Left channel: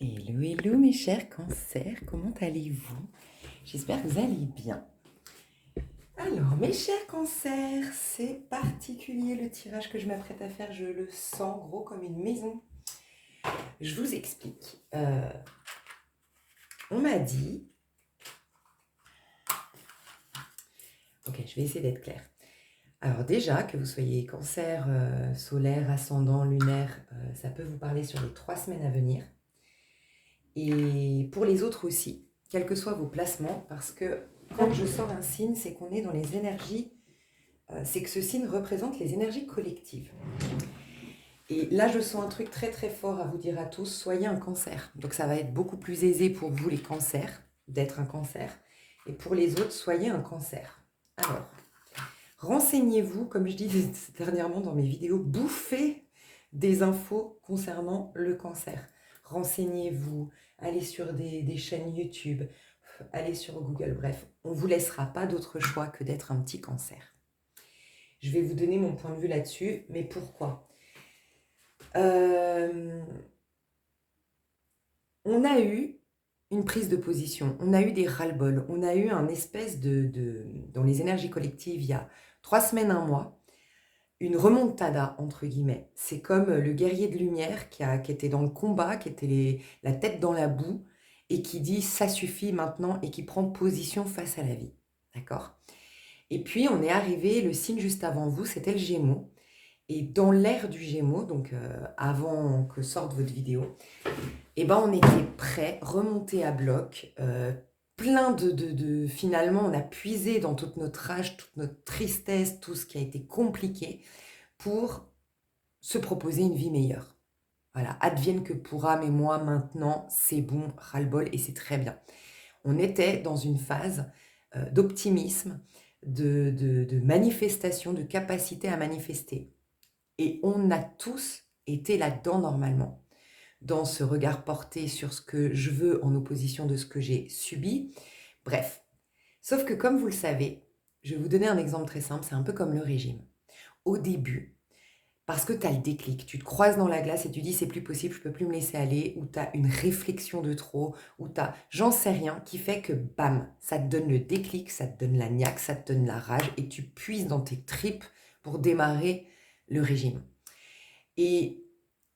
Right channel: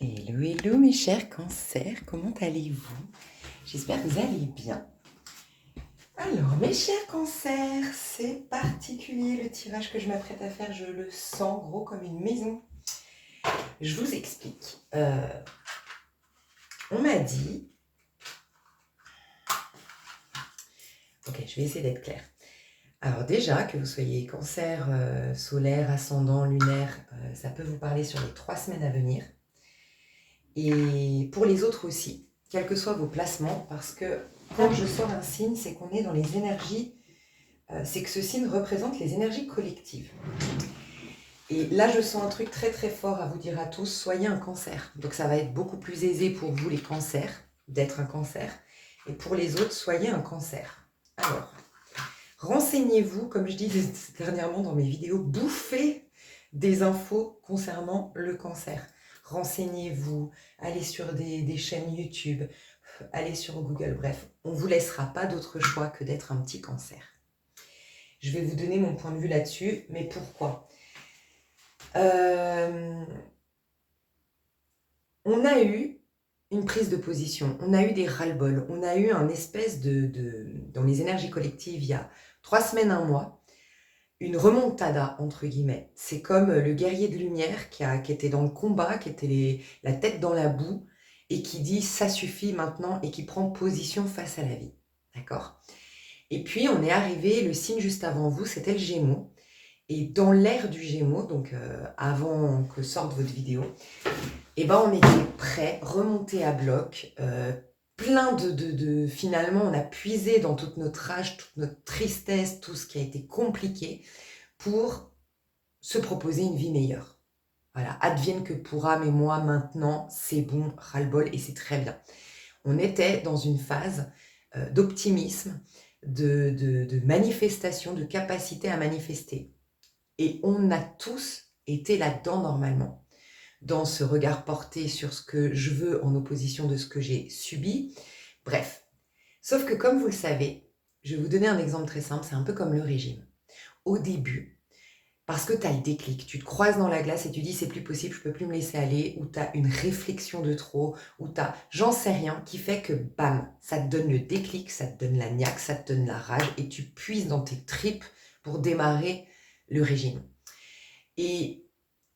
Hello, hello mes chers cancers, comment allez-vous? J'espère que vous allez bien. Alors mes chers cancers, c'est particulier le tirage que je m'apprête à faire, je le sens gros comme une maison. Je vous explique. On m'a dit... Ok, je vais essayer d'être claire. Alors déjà, que vous soyez cancer, solaire, ascendant, lunaire, ça peut vous parler sur les 3 semaines à venir. Et pour les autres aussi, quels que soient vos placements, parce que quand je sors un signe, c'est qu'on est dans les énergies, c'est que ce signe représente les énergies collectives. Et là, je sens un truc très très fort à vous dire à tous, soyez un cancer. Donc ça va être beaucoup plus aisé pour vous les cancers, d'être un cancer. Et pour les autres, soyez un cancer. Alors, renseignez-vous, comme je dis dernièrement dans mes vidéos, bouffez des infos concernant le cancer. Renseignez-vous, allez sur des chaînes YouTube, allez sur Google, bref, on ne vous laissera pas d'autre choix que d'être un petit cancer. Je vais vous donner mon point de vue là-dessus, mais pourquoi ? On a eu une prise de position, on a eu des ras-le-bol, on a eu un espèce dans les énergies collectives, il y a 3 semaines, 1 mois, une remontada, entre guillemets. C'est comme le guerrier de lumière qui était dans le combat, qui était la tête dans la boue, et qui dit « ça suffit maintenant » et qui prend position face à la vie. D'accord ? Et puis, on est arrivé, le signe juste avant vous, c'était le Gémeaux. Et dans l'ère du Gémeaux, donc avant que sorte votre vidéo, eh ben, on était prêts, remontés à bloc, plein finalement, on a puisé dans toute notre rage, toute notre tristesse, tout ce qui a été compliqué pour se proposer une vie meilleure. Voilà, advienne que pourra, mais moi, maintenant, c'est bon, ras-le-bol, et c'est très bien. On était dans une phase d'optimisme, de manifestation, de capacité à manifester. Et on a tous été là-dedans normalement, dans ce regard porté sur ce que je veux en opposition de ce que j'ai subi. Bref, sauf que comme vous le savez, je vais vous donner un exemple très simple, c'est un peu comme le régime. Au début, parce que tu as le déclic, tu te croises dans la glace et tu dis c'est plus possible, je peux plus me laisser aller, ou tu as une réflexion de trop, ou tu as j'en sais rien, qui fait que bam, ça te donne le déclic, ça te donne la niaque, ça te donne la rage, et tu puises dans tes tripes pour démarrer le régime. Et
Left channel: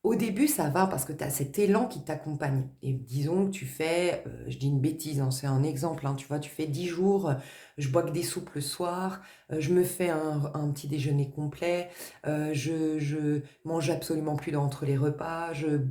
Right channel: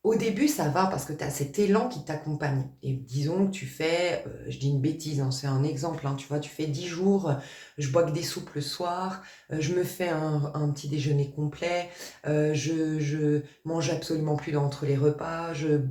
au début, ça va parce que tu as cet élan qui t'accompagne. Et disons que tu fais, je dis une bêtise, hein, c'est un exemple, hein, tu vois, tu fais 10 jours, je bois que des soupes le soir, je me fais un petit déjeuner complet, je mange absolument plus entre les repas, je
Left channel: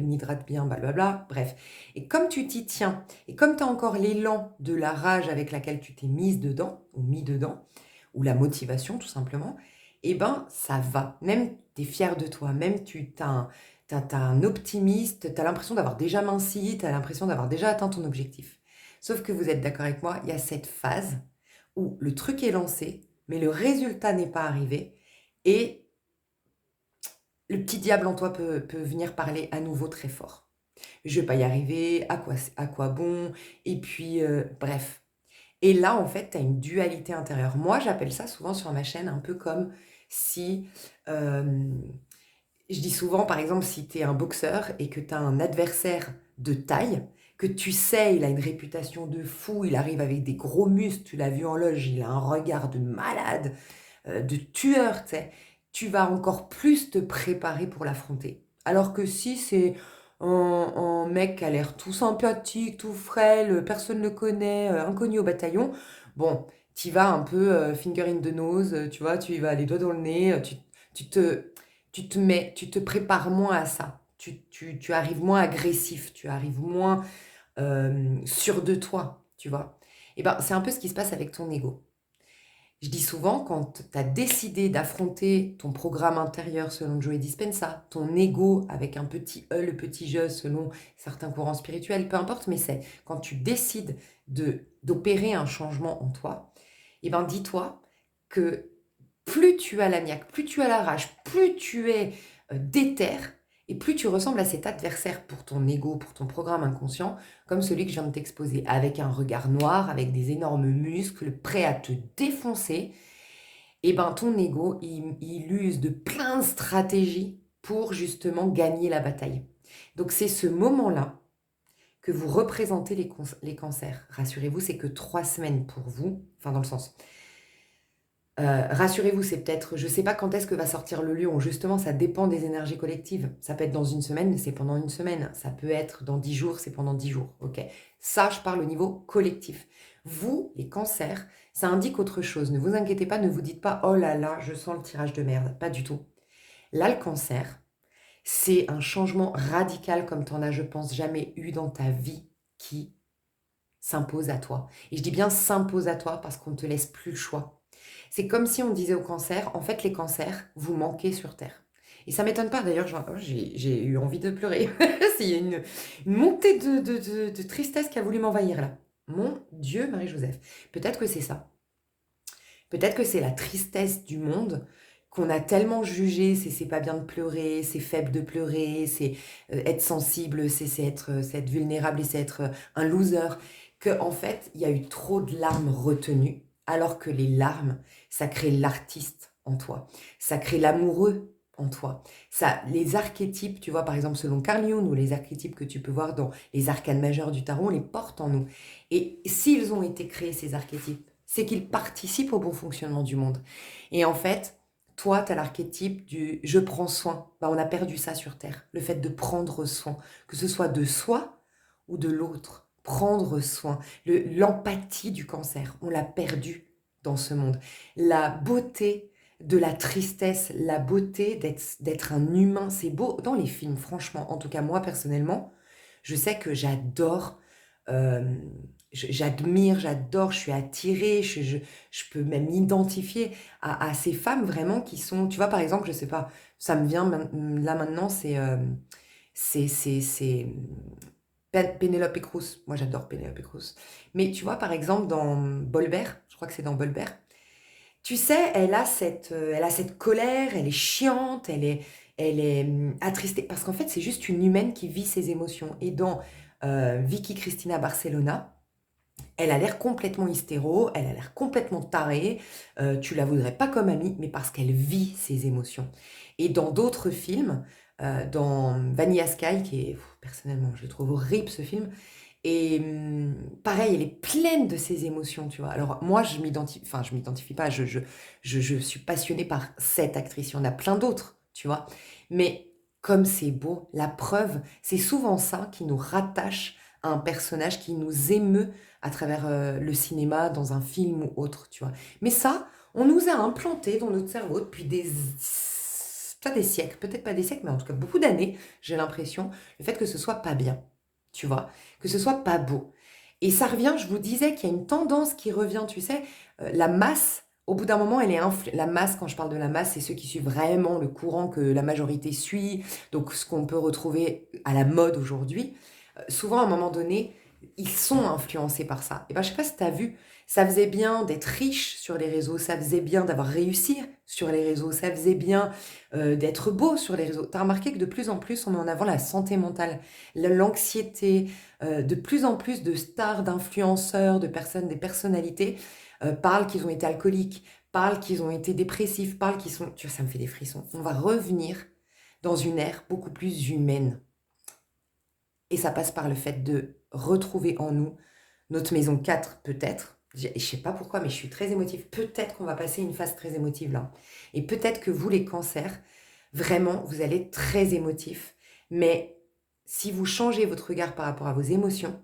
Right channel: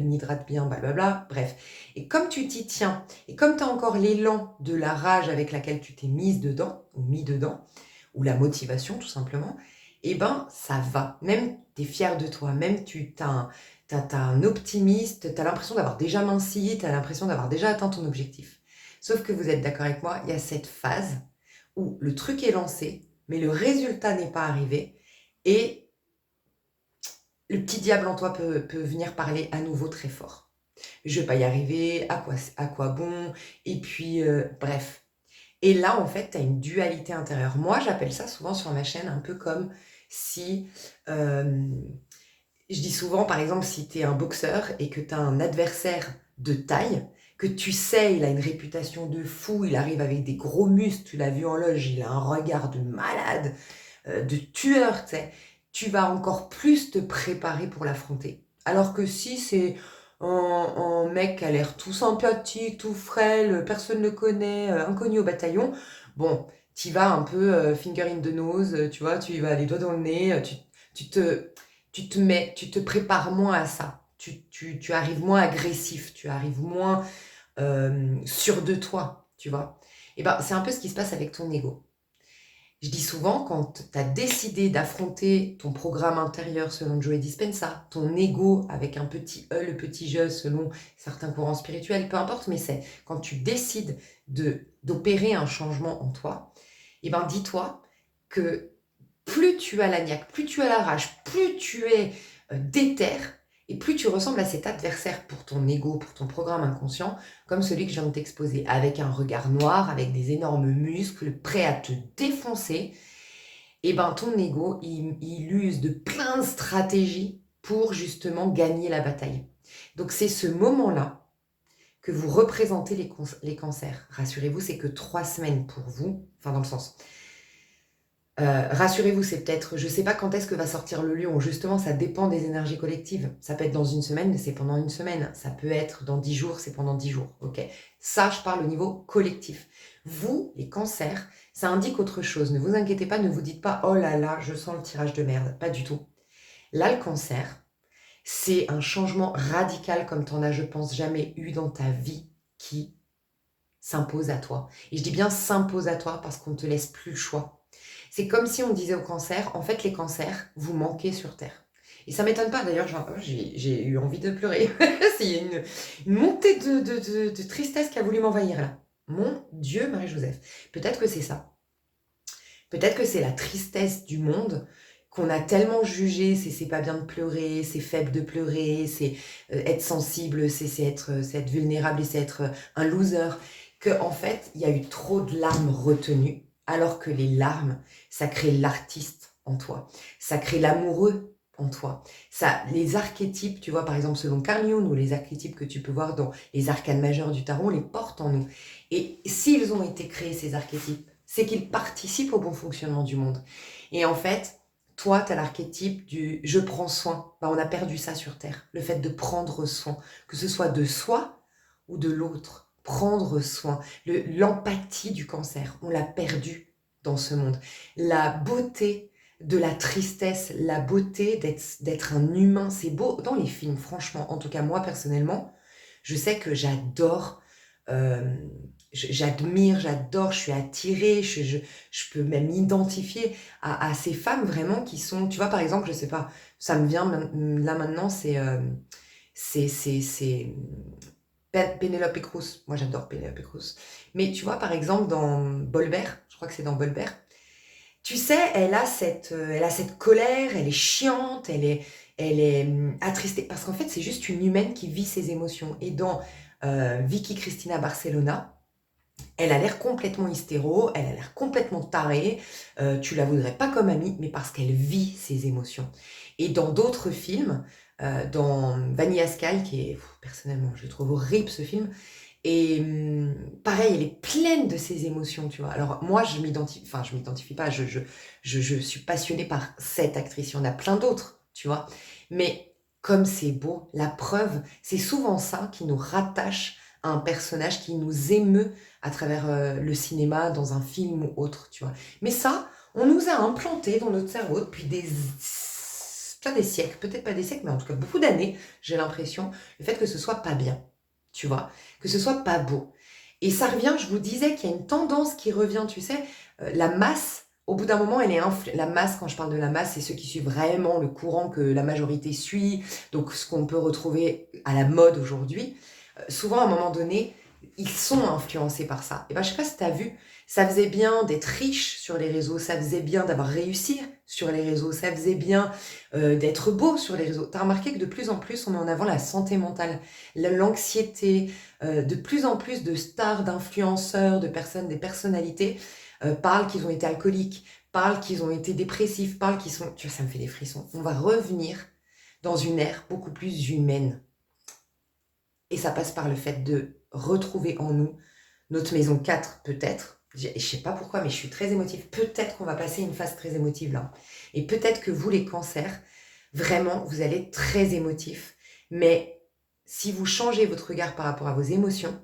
m'hydrate bien, blablabla, bref. Et comme tu t'y tiens, et comme tu as encore l'élan de la rage avec laquelle tu t'es mise dedans, ou mis dedans, ou la motivation tout simplement, eh ben ça va. Même tu es fier de toi, même tu as un optimiste, tu as l'impression d'avoir déjà minci, tu as l'impression d'avoir déjà atteint ton objectif. Sauf que vous êtes d'accord avec moi, il y a cette phase où le truc est lancé, mais le résultat n'est pas arrivé, et le petit diable en toi peut venir parler à nouveau très fort. Je vais pas y arriver, à quoi bon, et puis bref. Et là, en fait, tu as une dualité intérieure. Moi, j'appelle ça souvent sur ma chaîne un peu comme si... je dis souvent, par exemple, si tu es un boxeur et que tu as un adversaire de taille, que tu sais, il a une réputation de fou, il arrive avec des gros muscles, tu l'as vu en loge, il a un regard de malade, de tueur, tu sais, tu vas encore plus te préparer pour l'affronter. Alors que si c'est un mec qui a l'air tout sympathique, tout frêle, personne ne le connaît, inconnu au bataillon, bon, tu vas un peu finger in the nose, tu vois, tu y vas les doigts dans le nez, tu te, tu te prépares moins à ça. Tu arrives moins agressif, tu arrives moins sûr de toi, tu vois. Et ben, c'est un peu ce qui se passe avec ton ego. Je dis souvent, quand tu as décidé d'affronter ton programme intérieur selon Joe Dispenza, ton ego avec un petit E, le petit je selon certains courants spirituels, peu importe, mais c'est quand tu décides d'opérer un changement en toi, et ben dis-toi que plus tu as la niaque, plus tu as la rage, plus tu es déter, et plus tu ressembles à cet adversaire pour ton ego, pour ton programme inconscient, comme celui que je viens de t'exposer, avec un regard noir, avec des énormes muscles, prêt à te défoncer. Et ben ton ego, il use de plein de stratégies pour justement gagner la bataille. Donc c'est ce moment-là que vous représentez les cancers. Rassurez-vous, c'est que 3 semaines pour vous, enfin dans le sens, rassurez-vous, c'est peut-être, je ne sais pas quand est-ce que va sortir le lion, justement, ça dépend des énergies collectives. Ça peut être dans une semaine, c'est pendant une semaine. Ça peut être dans 10 jours, c'est pendant 10 jours. Ok. Ça, je parle au niveau collectif. Vous, les cancers, ça indique autre chose. Ne vous inquiétez pas, ne vous dites pas, oh là là, je sens le tirage de merde. Pas du tout. Là, le cancer, c'est un changement radical comme tu en as, je pense, jamais eu dans ta vie qui s'impose à toi. Et je dis bien s'impose à toi parce qu'on ne te laisse plus le choix. C'est comme si on disait au cancer, en fait les cancers, vous manquez sur Terre. Et ça m'étonne pas d'ailleurs, j'ai eu envie de pleurer. C'est une montée de tristesse qui a voulu m'envahir là. Mon Dieu, Marie-Joseph. Peut-être que c'est ça. Peut-être que c'est la tristesse du monde qu'on a tellement jugé, c'est pas bien de pleurer, c'est faible de pleurer, c'est être sensible, c'est être vulnérable et c'est être un loser, que en fait, il y a eu trop de larmes retenues, alors que les larmes, ça crée l'artiste en toi, ça crée l'amoureux en toi. Ça, les archétypes, tu vois, par exemple, selon Carl Jung, ou les archétypes que tu peux voir dans les arcanes majeures du tarot, on les porte en nous. Et s'ils ont été créés, ces archétypes, c'est qu'ils participent au bon fonctionnement du monde. Et en fait, toi, tu as l'archétype du je prends soin. Ben, on a perdu ça sur Terre. Le fait de prendre soin, que ce soit de soi ou de l'autre. Prendre soin. L'empathie du cancer, on l'a perdu dans ce monde. La beauté de la tristesse, la beauté d'être un humain, c'est beau dans les films, franchement. En tout cas, moi, personnellement, je sais que j'adore, euh, j'admire, j'adore, je suis attirée, je peux même m'identifier à ces femmes vraiment qui sont, tu vois, par exemple, je sais pas, ça me vient là maintenant, c'est Penelope Cruz. Moi, j'adore Penelope Cruz. Mais tu vois, par exemple, dans Bolbert, je crois que c'est dans Bolbert, tu sais, elle a cette colère, elle est chiante, elle est attristée. Parce qu'en fait, c'est juste une humaine qui vit ses émotions. Et dans Vicky Cristina Barcelona, elle a l'air complètement hystéro, elle a l'air complètement tarée. Tu la voudrais pas comme amie, mais parce qu'elle vit ses émotions. Et dans d'autres films, dans Vanilla Sky, qui est, personnellement, je le trouve horrible ce film, et pareil, elle est pleine de ses émotions, tu vois. Alors moi, je m'identifie pas, je suis passionnée par cette actrice. Il y en a plein d'autres, tu vois. Mais comme c'est beau, la preuve, c'est souvent ça qui nous rattache à un personnage qui nous émeut à travers le cinéma, dans un film ou autre, tu vois. Mais ça, on nous a implanté dans notre cerveau depuis pas des siècles, peut-être pas des siècles, mais en tout cas beaucoup d'années, j'ai l'impression, le fait que ce soit pas bien, tu vois, que ce soit pas beau. Et ça revient, je vous disais qu'il y a une tendance qui revient, tu sais, la masse, au bout d'un moment, elle est la masse, quand je parle de la masse, c'est ceux qui suivent vraiment le courant que la majorité suit, donc ce qu'on peut retrouver à la mode aujourd'hui. Souvent, à un moment donné, ils sont influencés par ça. Et ben, je sais pas si tu as vu, ça faisait bien d'être riche sur les réseaux, ça faisait bien d'avoir réussi sur les réseaux, ça faisait bien d'être beau sur les réseaux. Tu as remarqué que de plus en plus, on met en avant la santé mentale, l'anxiété, de plus en plus de stars, d'influenceurs, de personnes, des personnalités parlent qu'ils ont été alcooliques, parlent qu'ils ont été dépressifs, parlent qu'ils sont... Tu vois, ça me fait des frissons. On va revenir dans une ère beaucoup plus humaine. Et ça passe par le fait de retrouver en nous notre maison 4 peut-être. Je ne sais pas pourquoi, mais je suis très émotive. Peut-être qu'on va passer une phase très émotive là. Et peut-être que vous, les cancers, vraiment, vous allez être très émotifs. Mais si vous changez votre regard par rapport à vos émotions,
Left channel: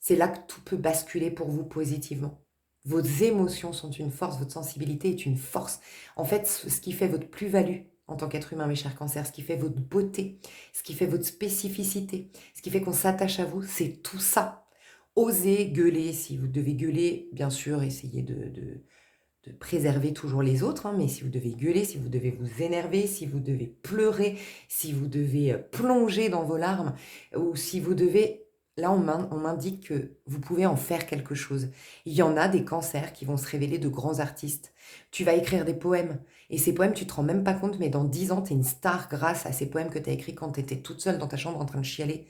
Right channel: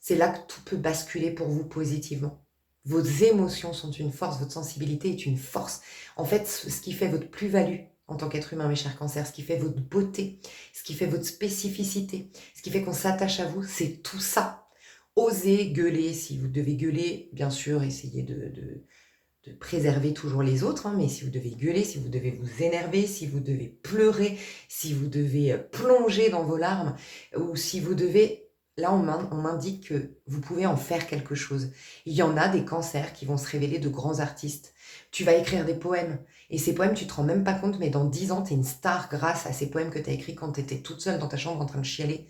c'est là que tout peut basculer pour vous positivement. Vos émotions sont une force, votre sensibilité est une force. En fait, ce qui fait votre plus-value en tant qu'être humain, mes chers cancers, ce qui fait votre beauté, ce qui fait votre spécificité, ce qui fait qu'on s'attache à vous, c'est tout ça. Osez gueuler si vous devez gueuler, bien sûr, essayez de préserver toujours les autres, hein, mais si vous devez gueuler, si vous devez vous énerver, si vous devez pleurer, si vous devez plonger dans vos larmes, ou si vous devez... Là, on m'indique que vous pouvez en faire quelque chose. Il y en a des cancers qui vont se révéler de grands artistes. Tu vas écrire des poèmes, et ces poèmes, tu te rends même pas compte, mais dans 10 ans, tu es une star grâce à ces poèmes que tu as écrits quand tu étais toute seule dans ta chambre en train de chialer.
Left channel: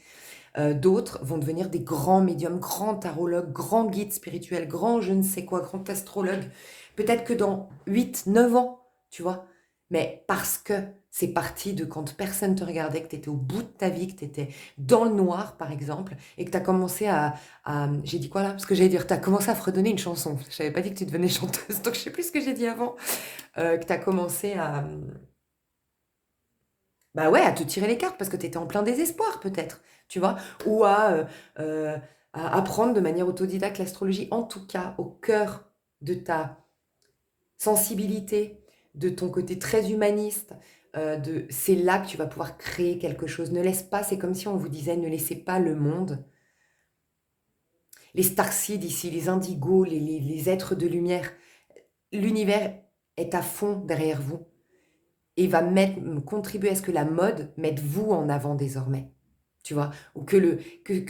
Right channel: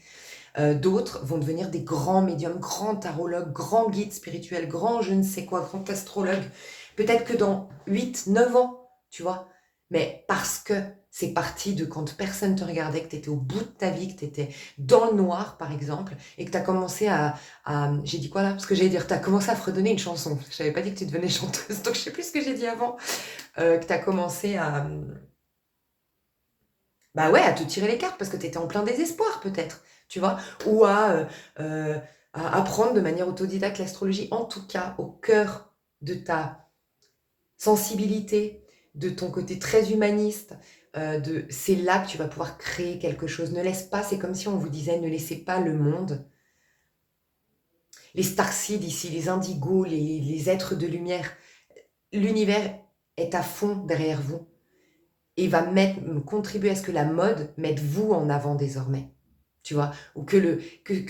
D'autres vont devenir des grands médiums, grands tarologues, grands guides spirituels, grands je ne sais quoi, grands astrologues. Peut-être que dans 8, 9 ans, tu vois. Mais parce que C'est parti de quand personne te regardait, que tu étais au bout de ta vie, que tu étais dans le noir, par exemple, et que tu as commencé j'ai dit quoi là? Parce que j'allais dire, tu as commencé à fredonner une chanson. Je n'avais pas dit que tu devenais chanteuse, donc je sais plus ce que j'ai dit avant. Que tu as commencé bah ouais, à te tirer les cartes parce que tu étais en plein désespoir peut-être, tu vois? Ou euh, à apprendre de manière autodidacte l'astrologie, en tout cas au cœur de ta sensibilité, de ton côté très humaniste, c'est là que tu vas pouvoir créer quelque chose. Ne laisse pas, c'est comme si on vous disait, ne laissez pas le monde, les starseeds ici, les indigos, les êtres de lumière, l'univers est à fond derrière vous et va contribuer à ce que la mode mette vous en avant désormais. Tu vois, ou que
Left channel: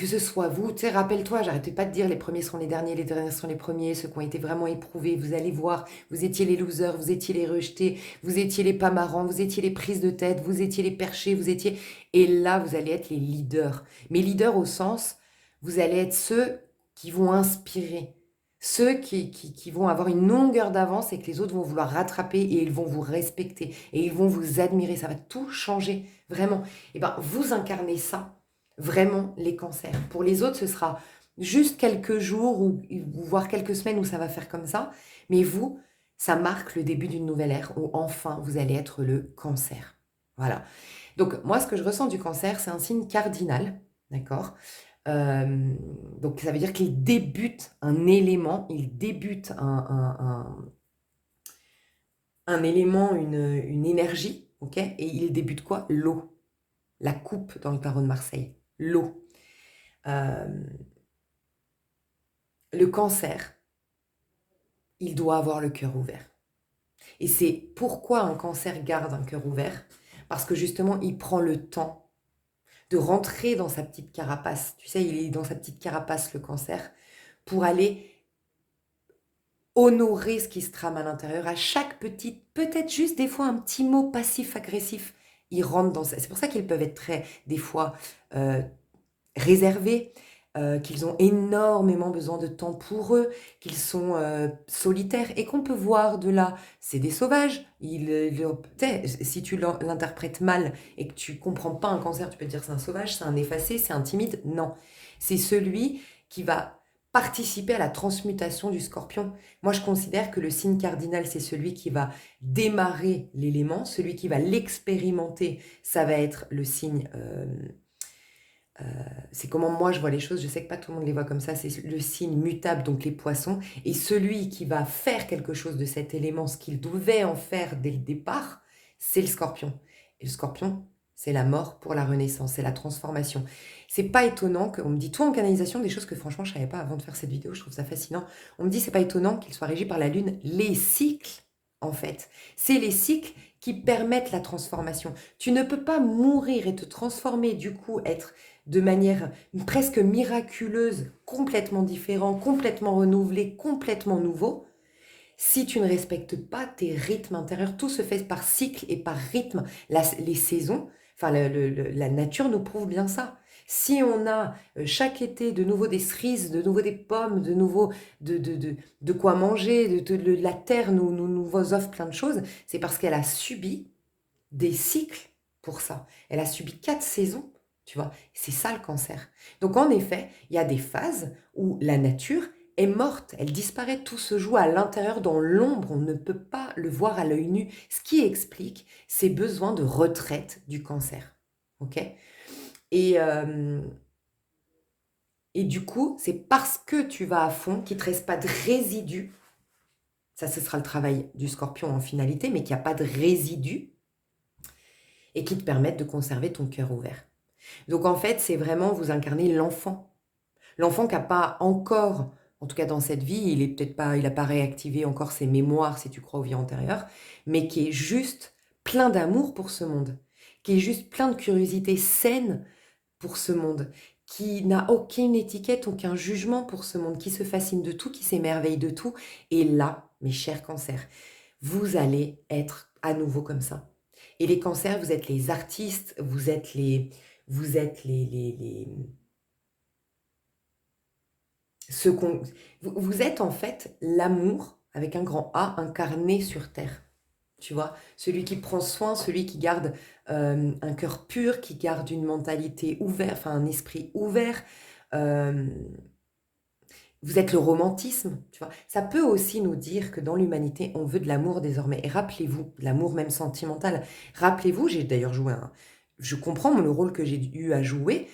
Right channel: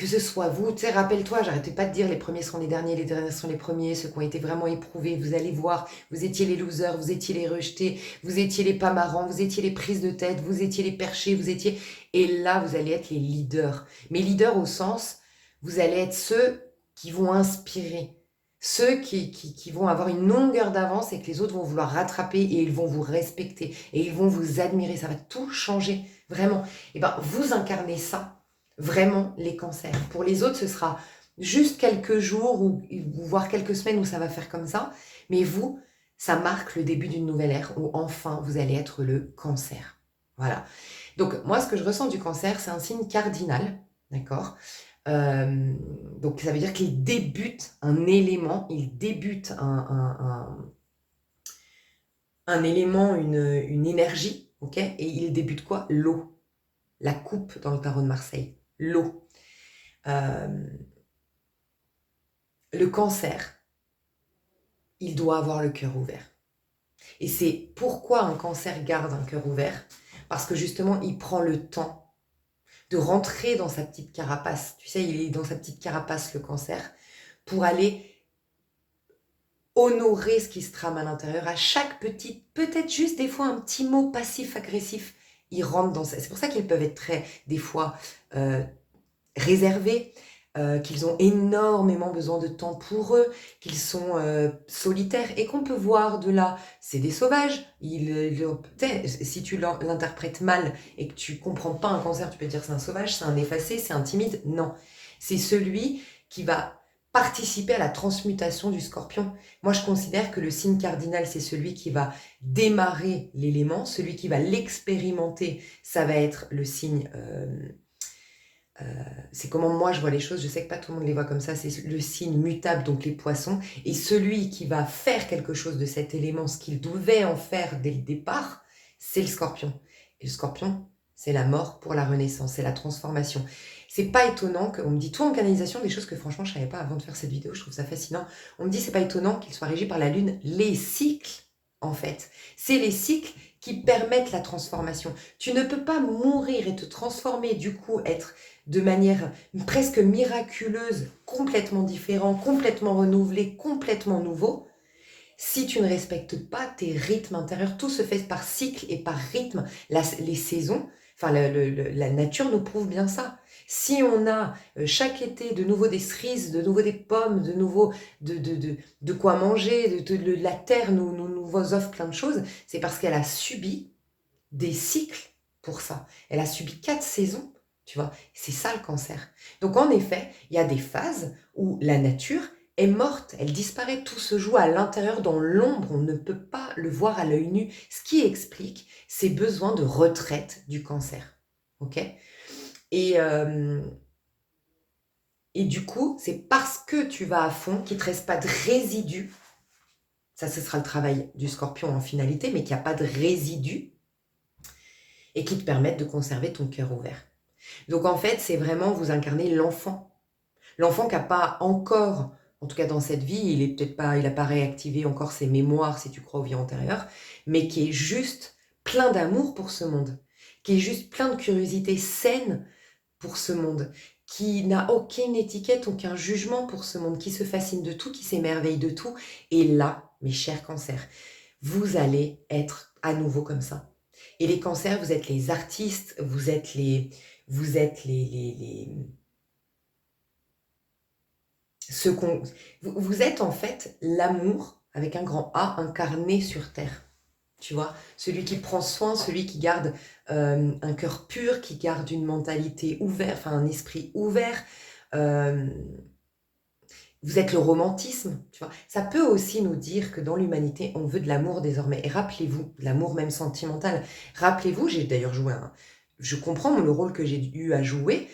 ce soit vous, tu sais, rappelle-toi, j'arrêtais pas de dire les premiers seront les derniers seront les premiers, ceux qui ont été vraiment éprouvés, vous allez voir, vous étiez les losers, vous étiez les rejetés, vous étiez les pas marrants, vous étiez les prises de tête, vous étiez les perchés, et là, vous allez être les leaders. Mais leaders au sens, vous allez être ceux qui vont inspirer, ceux qui vont avoir une longueur d'avance et que les autres vont vouloir rattraper et ils vont vous respecter et ils vont vous admirer, ça va tout changer, vraiment. Et ben, vous incarnez ça. Vraiment, les cancers. Pour les autres, ce sera juste quelques jours ou voire quelques semaines où ça va faire comme ça. Mais vous, ça marque le début d'une nouvelle ère où enfin vous allez être le cancer. Voilà. Donc moi, ce que je ressens du cancer, c'est un signe cardinal. D'accord. Euh, donc ça veut dire qu'il débute un élément, il débute un élément, une énergie. Ok. Et il débute quoi? L'eau. La coupe dans le tarot de Marseille. L'eau. Euh, le cancer, il doit avoir le cœur ouvert. Et c'est pourquoi un cancer garde un cœur ouvert, parce que justement, il prend le temps de rentrer dans sa petite carapace. Tu sais, il est dans sa petite carapace, le cancer, pour aller honorer ce qui se trame à l'intérieur. À chaque petite, peut-être juste des fois un petit mot passif-agressif, il rentre dans ça. C'est pour ça qu'ils peuvent être très, des fois, euh, réservés, qu'ils ont énormément besoin de temps pour eux, qu'ils sont solitaires et qu'on peut voir de là, c'est des sauvages. Si tu l'interprètes mal et que tu comprends pas un cancer, tu peux dire c'est un sauvage, c'est un effacé, c'est un timide. Non, c'est celui qui va participer à la transmutation du scorpion. Moi, je considère que le signe cardinal, c'est celui qui va démarrer l'élément, celui qui va l'expérimenter, ça va être le signe c'est comment moi je vois les choses, je sais que pas tout le monde les voit comme ça, c'est le signe mutable, donc les poissons, et celui qui va faire quelque chose de cet élément, ce qu'il devait en faire dès le départ, c'est le scorpion. Et le scorpion, c'est la mort pour la renaissance, c'est la transformation. C'est pas étonnant qu'on me dit, toi en canalisation, des choses que franchement je savais pas avant de faire cette vidéo, je trouve ça fascinant, on me dit c'est pas étonnant qu'il soit régi par la lune, les cycles en fait, c'est les cycles qui permettent la transformation. Tu ne peux pas mourir et te transformer, du coup être de manière presque miraculeuse, complètement différent, complètement renouvelé, complètement nouveau, si tu ne respectes pas tes rythmes intérieurs. Tout se fait par cycle et par rythme. Les saisons, enfin la nature nous prouve bien ça. Si on a chaque été de nouveau des cerises, de nouveau des pommes, de nouveau de quoi manger, la terre nous offre plein de choses, c'est parce qu'elle a subi des cycles pour ça. Elle a subi 4 saisons, tu vois. C'est ça le cancer. Donc en effet, il y a des phases où la nature est morte, elle disparaît, tout se joue à l'intérieur dans l'ombre, on ne peut pas le voir à l'œil nu, ce qui explique ces besoins de retraite du cancer. Ok. Et, euh, et du coup, c'est parce que tu vas à fond qu'il ne te reste pas de résidus. Ça, ce sera le travail du scorpion en finalité, mais qu'il n'y a pas de résidus et qui te permettent de conserver ton cœur ouvert. Donc en fait, c'est vraiment vous incarnez l'enfant. L'enfant qui n'a pas encore, en tout cas dans cette vie, il n'a pas réactivé encore ses mémoires si tu crois aux vies antérieures, mais qui est juste plein d'amour pour ce monde, qui est juste plein de curiosité saine pour ce monde, qui n'a aucune étiquette, aucun jugement pour ce monde, qui se fascine de tout, qui s'émerveille de tout. Et là, mes chers cancers, vous allez être à nouveau comme ça. Et les cancers, vous êtes les artistes, vous êtes ceux vous êtes en fait l'amour avec un grand A incarné sur Terre. tu vois. Celui qui prend soin, celui qui garde un cœur pur, qui garde une mentalité ouverte, enfin un esprit ouvert. Euh, Vous êtes le romantisme, tu vois. Ça peut aussi nous dire que dans l'humanité, on veut de l'amour désormais. Et rappelez-vous, l'amour même sentimental. Rappelez-vous, j'ai d'ailleurs joué un... Je comprends le rôle que j'ai eu à jouer.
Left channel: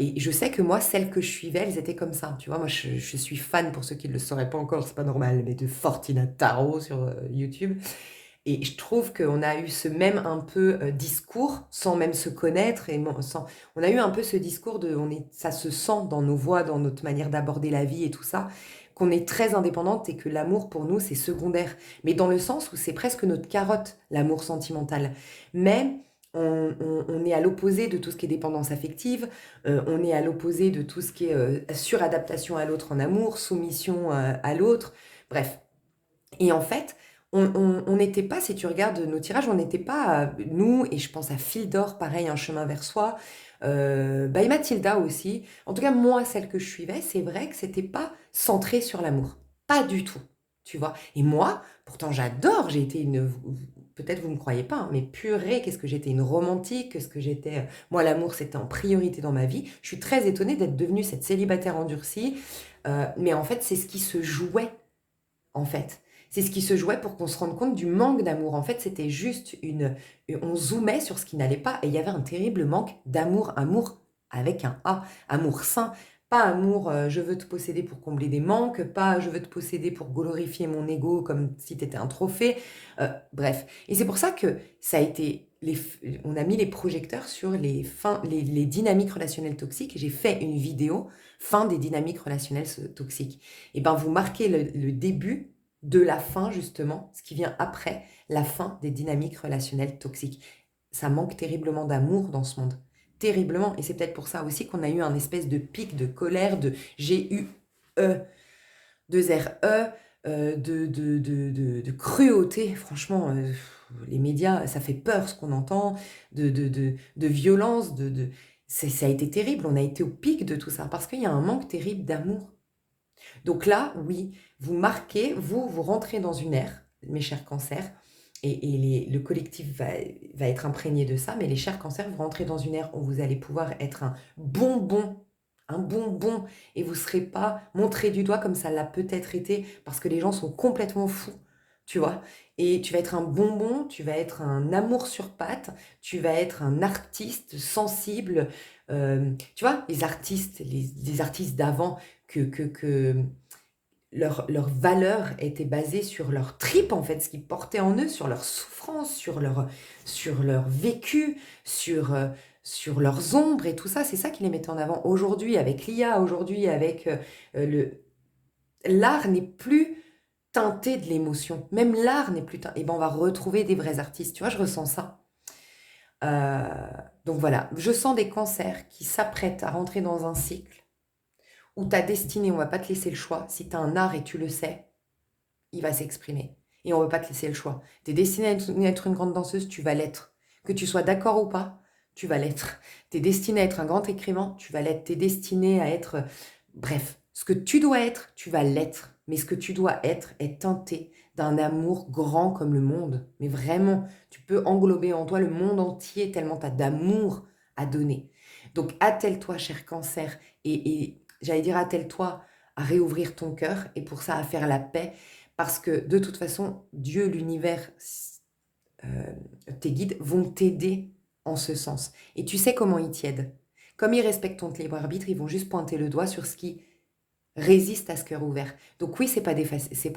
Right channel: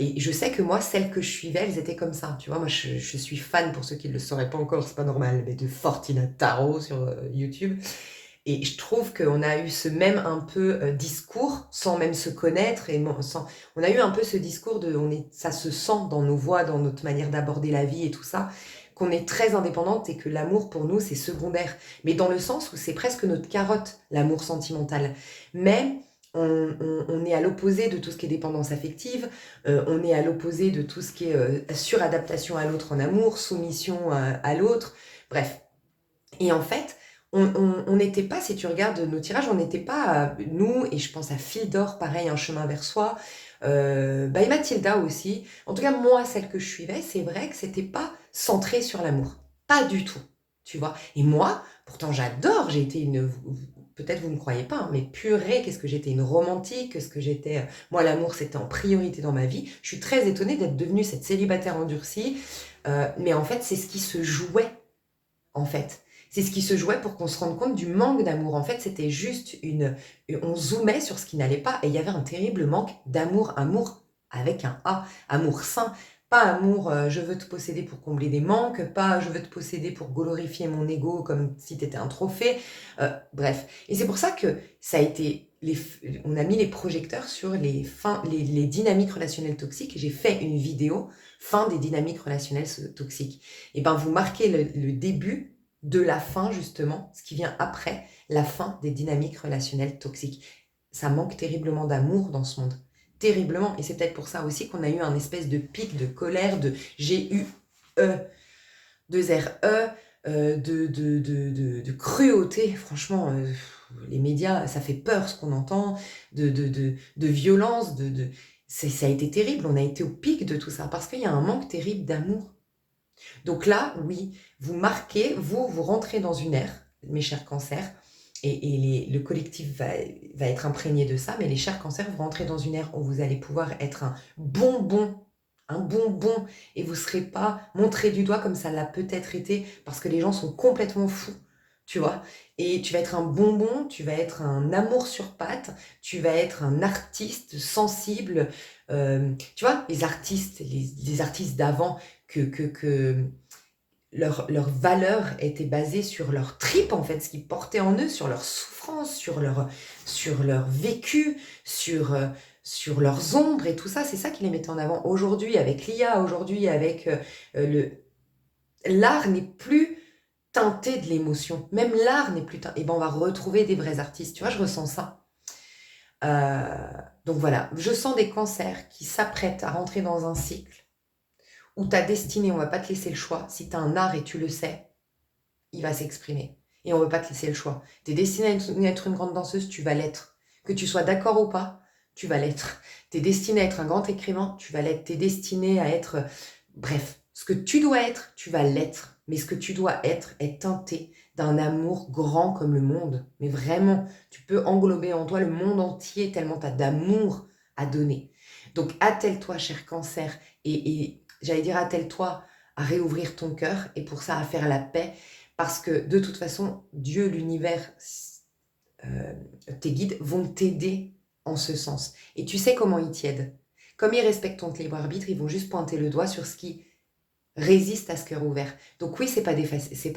Et je sais que moi, celles que je suivais, elles étaient comme ça. Tu vois, moi, je suis fan, pour ceux qui ne le sauraient pas encore, c'est pas normal, mais de Fortina Tarot sur YouTube. Et je trouve qu'on a eu ce même un peu discours, sans même se connaître, on a eu un peu ce discours ça se sent dans nos voix, dans notre manière d'aborder la vie et tout ça, qu'on est très indépendante et que l'amour pour nous c'est secondaire, mais dans le sens où c'est presque notre carotte, l'amour sentimental. Mais on est à l'opposé de tout ce qui est dépendance affective, on est à l'opposé de tout ce qui est suradaptation à l'autre en amour, soumission à l'autre, bref. Et en fait, on n'était pas, si tu regardes nos tirages, on n'était pas, nous, et je pense à Fille d'Or, pareil, Un chemin vers soi, et Mathilda aussi. En tout cas, moi, celle que je suivais, c'est vrai que c'était pas centré sur l'amour. Pas du tout, tu vois. Et moi, pourtant, j'adore, j'ai été une... Peut-être vous ne me croyez pas, hein, mais purée, qu'est-ce que j'étais une romantique, qu'est-ce que j'étais... Moi, l'amour, c'était en priorité dans ma vie. Je suis très étonnée d'être devenue cette célibataire endurcie, mais en fait, c'est ce qui se jouait en fait. C'est ce qui se jouait pour qu'on se rende compte du manque d'amour. En fait, c'était juste une... On zoomait sur ce qui n'allait pas et il y avait un terrible manque d'amour. Amour avec un A. Amour sain. Pas amour, je veux te posséder pour combler des manques. Pas je veux te posséder pour glorifier mon ego comme si tu étais un trophée. Bref. Et c'est pour ça que ça a été... On a mis les projecteurs sur les dynamiques relationnelles toxiques. J'ai fait une vidéo fin des dynamiques relationnelles toxiques. Et ben vous marquez le début de la fin, justement, ce qui vient après la fin des dynamiques relationnelles toxiques. Ça manque terriblement d'amour dans ce monde. Terriblement. Et c'est peut-être pour ça aussi qu'on a eu un espèce de pic de colère, de G-U-E, de R-E, de cruauté. Franchement, les médias, ça fait peur ce qu'on entend, de violence, ça a été terrible. On a été au pic de tout ça parce qu'il y a un manque terrible d'amour. Donc là, oui, vous marquez, vous rentrez dans une ère, mes chers cancers, le collectif va être imprégné de ça, mais les chers cancers, vous rentrez dans une ère où vous allez pouvoir être un bonbon, et vous ne serez pas montré du doigt comme ça l'a peut-être été, parce que les gens sont complètement fous, tu vois. Et tu vas être un bonbon, tu vas être un amour sur pattes, tu vas être un artiste sensible. Tu vois, les artistes d'avant, que leur valeur était basée sur leur trip, en fait, ce qu'ils portaient en eux, sur leur souffrance, sur leur vécu, sur leurs ombres et tout ça. C'est ça qui les mettait en avant. Aujourd'hui, avec l'IA, aujourd'hui, avec l'art n'est plus teinté de l'émotion. Même l'art n'est plus teinté. Et ben, on va retrouver des vrais artistes. Tu vois, je ressens ça. Euh, donc voilà, je sens des cancers qui s'apprêtent à rentrer dans un cycle où ta destinée, on va pas te laisser le choix. Si tu as un art et tu le sais, il va s'exprimer. Et on ne veut pas te laisser le choix. Tu es destinée à être une grande danseuse, tu vas l'être. Que tu sois d'accord ou pas, tu vas l'être. Tu es destinée à être un grand écrivain, tu vas l'être. Tu es destinée à être... Bref, ce que tu dois être, tu vas l'être. Mais ce que tu dois être est teinté d'un amour grand comme le monde. Mais vraiment, tu peux englober en toi le monde entier tellement tu as d'amour à donner. Donc attelle-toi, cher cancer, et j'allais dire attelle-toi à réouvrir ton cœur et pour ça à faire la paix parce que de toute façon, Dieu, l'univers, euh, tes guides vont t'aider en ce sens. Et tu sais comment ils t'aident. Comme ils respectent ton libre arbitre, ils vont juste pointer le doigt sur ce qui résiste à ce cœur ouvert. Donc oui, c'est pas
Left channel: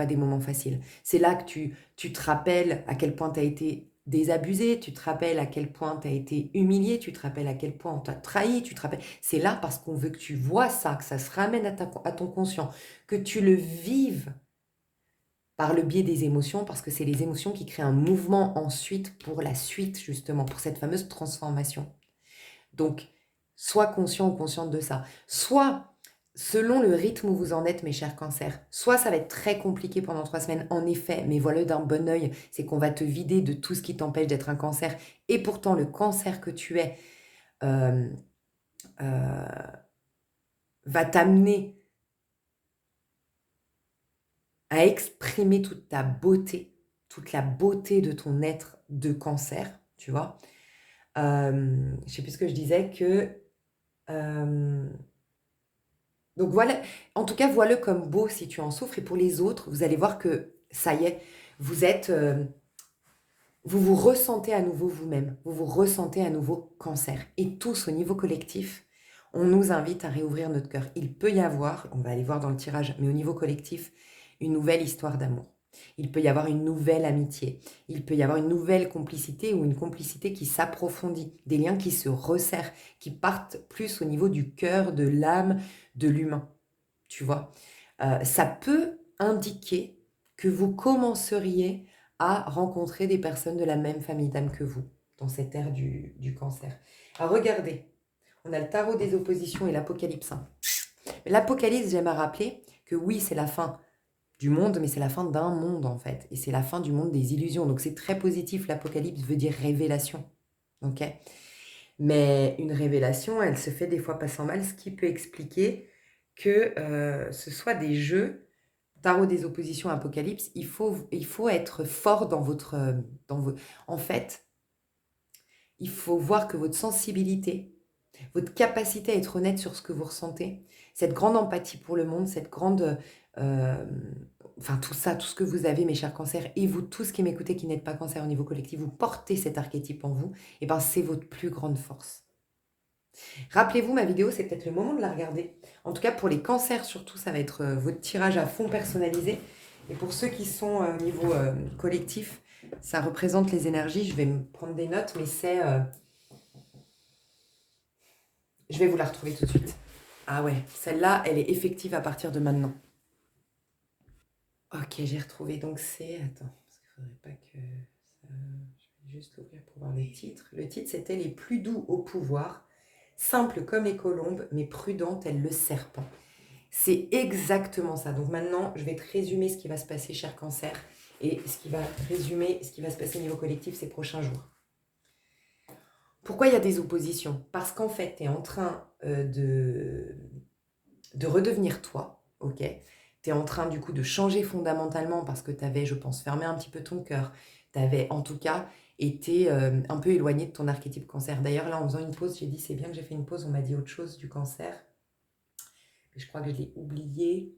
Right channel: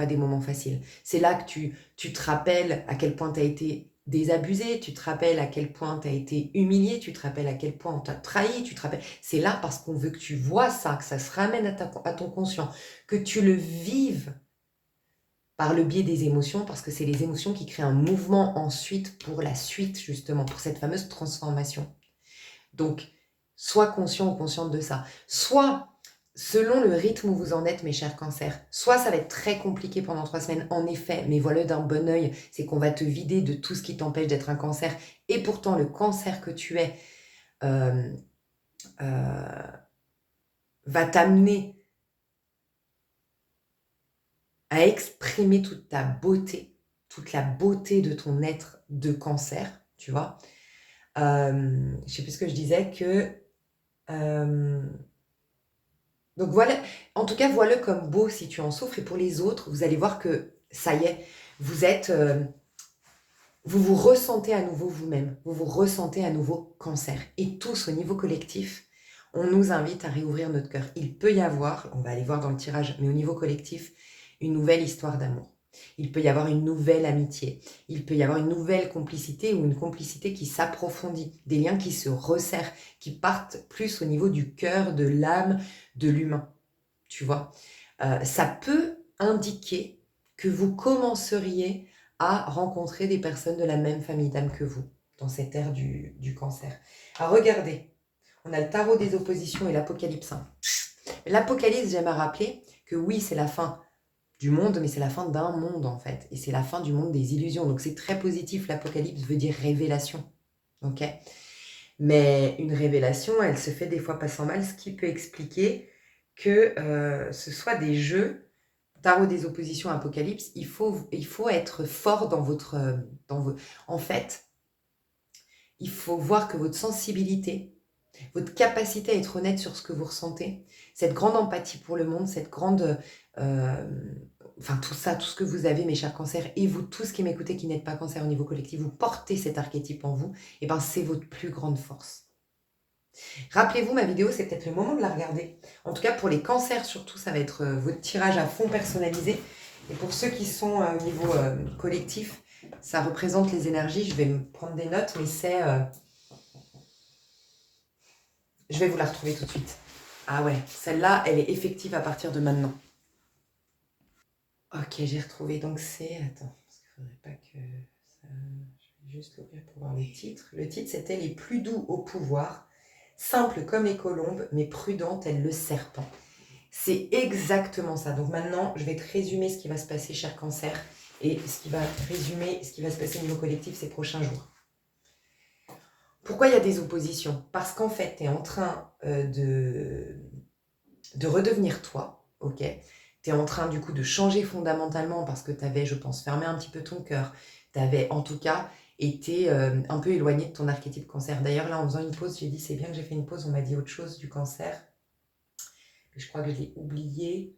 des moments faciles. C'est là que tu te rappelles à quel point tu as été désabusé, tu te rappelles à quel point tu as été humilié, tu te rappelles à quel point on t'a trahi, tu te rappelles. C'est là parce qu'on veut que tu vois ça, que ça se ramène à ton conscient, que tu le vives par le biais des émotions, parce que c'est les émotions qui créent un mouvement ensuite pour la suite, justement, pour cette fameuse transformation. Donc, sois conscient ou consciente de ça. Soit, selon le rythme où vous en êtes, mes chers cancers, soit ça va être très compliqué pendant 3 semaines, en effet, mais voilà d'un bon oeil, c'est qu'on va te vider de tout ce qui t'empêche d'être un cancer, et pourtant le cancer que tu es euh, euh, va t'amener à exprimer toute ta beauté, toute la beauté de ton être de cancer, tu vois. Je sais plus ce que je disais, que... euh, donc voilà, en tout cas, vois-le comme beau si tu en souffres. Et pour les autres, vous allez voir que ça y est, vous êtes... vous vous ressentez à nouveau vous-même, vous vous ressentez à nouveau cancer. Et tous, au niveau collectif, on nous invite à réouvrir notre cœur. Il peut y avoir, on va aller voir dans le tirage, mais au niveau collectif, une nouvelle histoire d'amour. Il peut y avoir une nouvelle amitié. Il peut y avoir une nouvelle complicité ou une complicité qui s'approfondit. Des liens qui se resserrent, qui partent plus au niveau du cœur, de l'âme, de l'humain. Tu vois, ça peut indiquer que vous commenceriez à rencontrer des personnes de la même famille d'âme que vous dans cette ère du cancer. Alors regardez, on a le tarot des oppositions et l'apocalypse. L'apocalypse, j'aime à rappeler que oui, c'est la fin du monde, mais c'est la fin d'un monde en fait. Et c'est la fin du monde des illusions. Donc c'est très positif, l'apocalypse veut dire révélation. Ok. Mais une révélation, elle se fait des fois pas sans mal, ce qui peut expliquer que ce soit des jeux, tarot des oppositions, apocalypse, il faut être fort dans votre... En fait, il faut voir que votre sensibilité, votre capacité à être honnête sur ce que vous ressentez, cette grande empathie pour le monde, cette grande... euh, enfin tout ça, tout ce que vous avez, mes chers cancers, et vous tous qui m'écoutez, qui n'êtes pas cancer au niveau collectif, vous portez cet archétype en vous, et ben c'est votre plus grande force. Rappelez-vous, ma vidéo, c'est peut-être le moment de la regarder. En tout cas, pour les cancers, surtout, ça va être votre tirage à fond personnalisé. Et pour ceux qui sont au niveau collectif, ça représente les énergies. Je vais me prendre des notes, mais c'est... je vais vous la retrouver tout de suite. Ah ouais, celle-là, elle est effective à partir de maintenant. Ok, j'ai retrouvé. Donc c'est... Attends, parce qu'il ne faudrait pas que... Ça... Je vais juste l'ouvrir pour voir le titre. Le titre, c'était « Les plus doux au pouvoir, simples comme les colombes, mais prudents tel le serpent ». C'est exactement ça. Donc maintenant, je vais te résumer ce qui va se passer, cher cancer, et ce qui va résumer ce qui va se passer au niveau collectif ces prochains jours. Pourquoi il y a des oppositions? Parce qu'en fait, tu es en train de redevenir toi, ok? Tu es en train du coup de changer fondamentalement parce que tu avais, je pense, fermé un petit peu ton cœur. Tu avais en tout cas été un peu éloigné de ton archétype cancer. D'ailleurs, là, en faisant une pause, j'ai dit c'est bien que j'ai fait une pause, on m'a dit autre chose du cancer. Je crois que je l'ai oublié.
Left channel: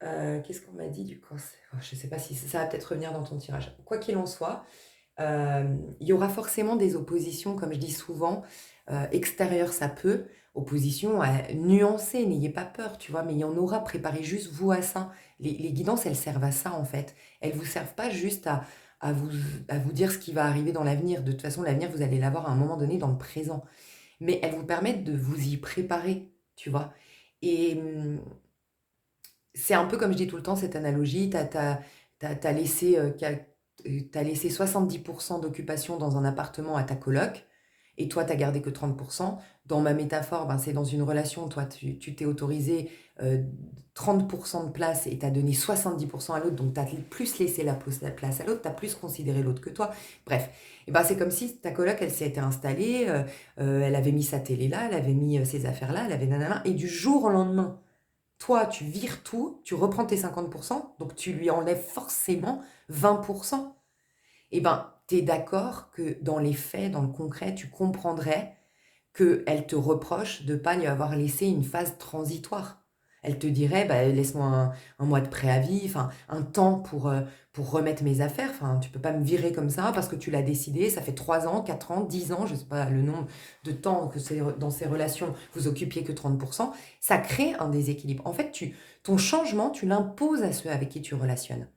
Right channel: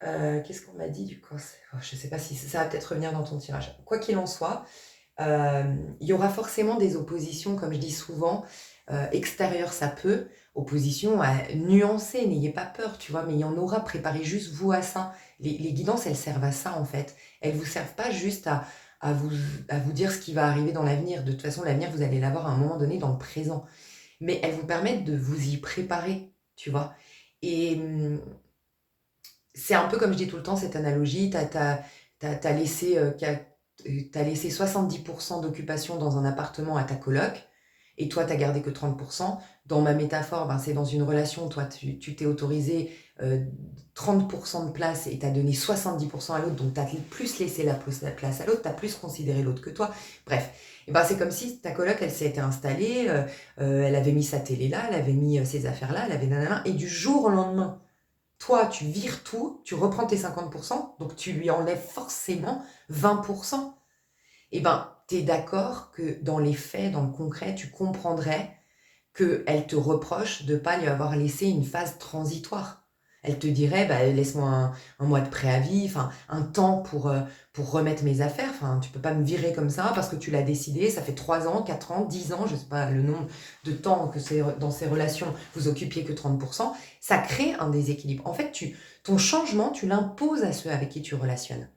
Qu'est-ce qu'on m'a dit du cancer? Je ne sais pas si ça va peut-être revenir dans ton tirage. Quoi qu'il en soit, il y aura forcément des oppositions, comme je dis souvent, extérieures, ça peut, opposition à nuancer, n'ayez pas peur, tu vois, mais il y en aura, préparez juste vous à ça. Les guidances, elles servent à ça en fait. Elles ne vous servent pas juste à vous, à vous dire ce qui va arriver dans l'avenir. De toute façon, l'avenir, vous allez l'avoir à un moment donné dans le présent. Mais elles vous permettent de vous y préparer, tu vois. Et c'est un peu comme je dis tout le temps, cette analogie, t'as laissé, t'as laissé 70% d'occupation dans un appartement à ta coloc, et toi, t'as gardé que 30%. Dans ma métaphore, ben, c'est dans une relation, toi, tu t'es autorisé 30% de place et t'as donné 70% à l'autre, donc t'as plus laissé la place à l'autre, t'as plus considéré l'autre que toi. Bref, et ben, c'est comme si ta coloc, elle s'était installée, elle avait mis sa télé là, elle avait mis ses affaires là, elle avait nanana, et du jour au lendemain, toi, tu vires tout, tu reprends tes 50%, donc tu lui enlèves forcément 20%. Eh bien, tu es d'accord que dans les faits, dans le concret, tu comprendrais qu'elle te reproche de ne pas lui avoir laissé une phase transitoire. Elle te dirait, bah, laisse-moi un mois de préavis, enfin, un temps pour remettre mes affaires. Enfin, tu peux pas me virer comme ça parce que tu l'as décidé. Ça fait 3 ans, 4 ans, 10 ans, je sais pas le nombre de temps que dans ces relations, vous occupiez que 30%. Ça crée un déséquilibre. En fait, ton changement, tu l'imposes à ceux avec qui tu relationnes.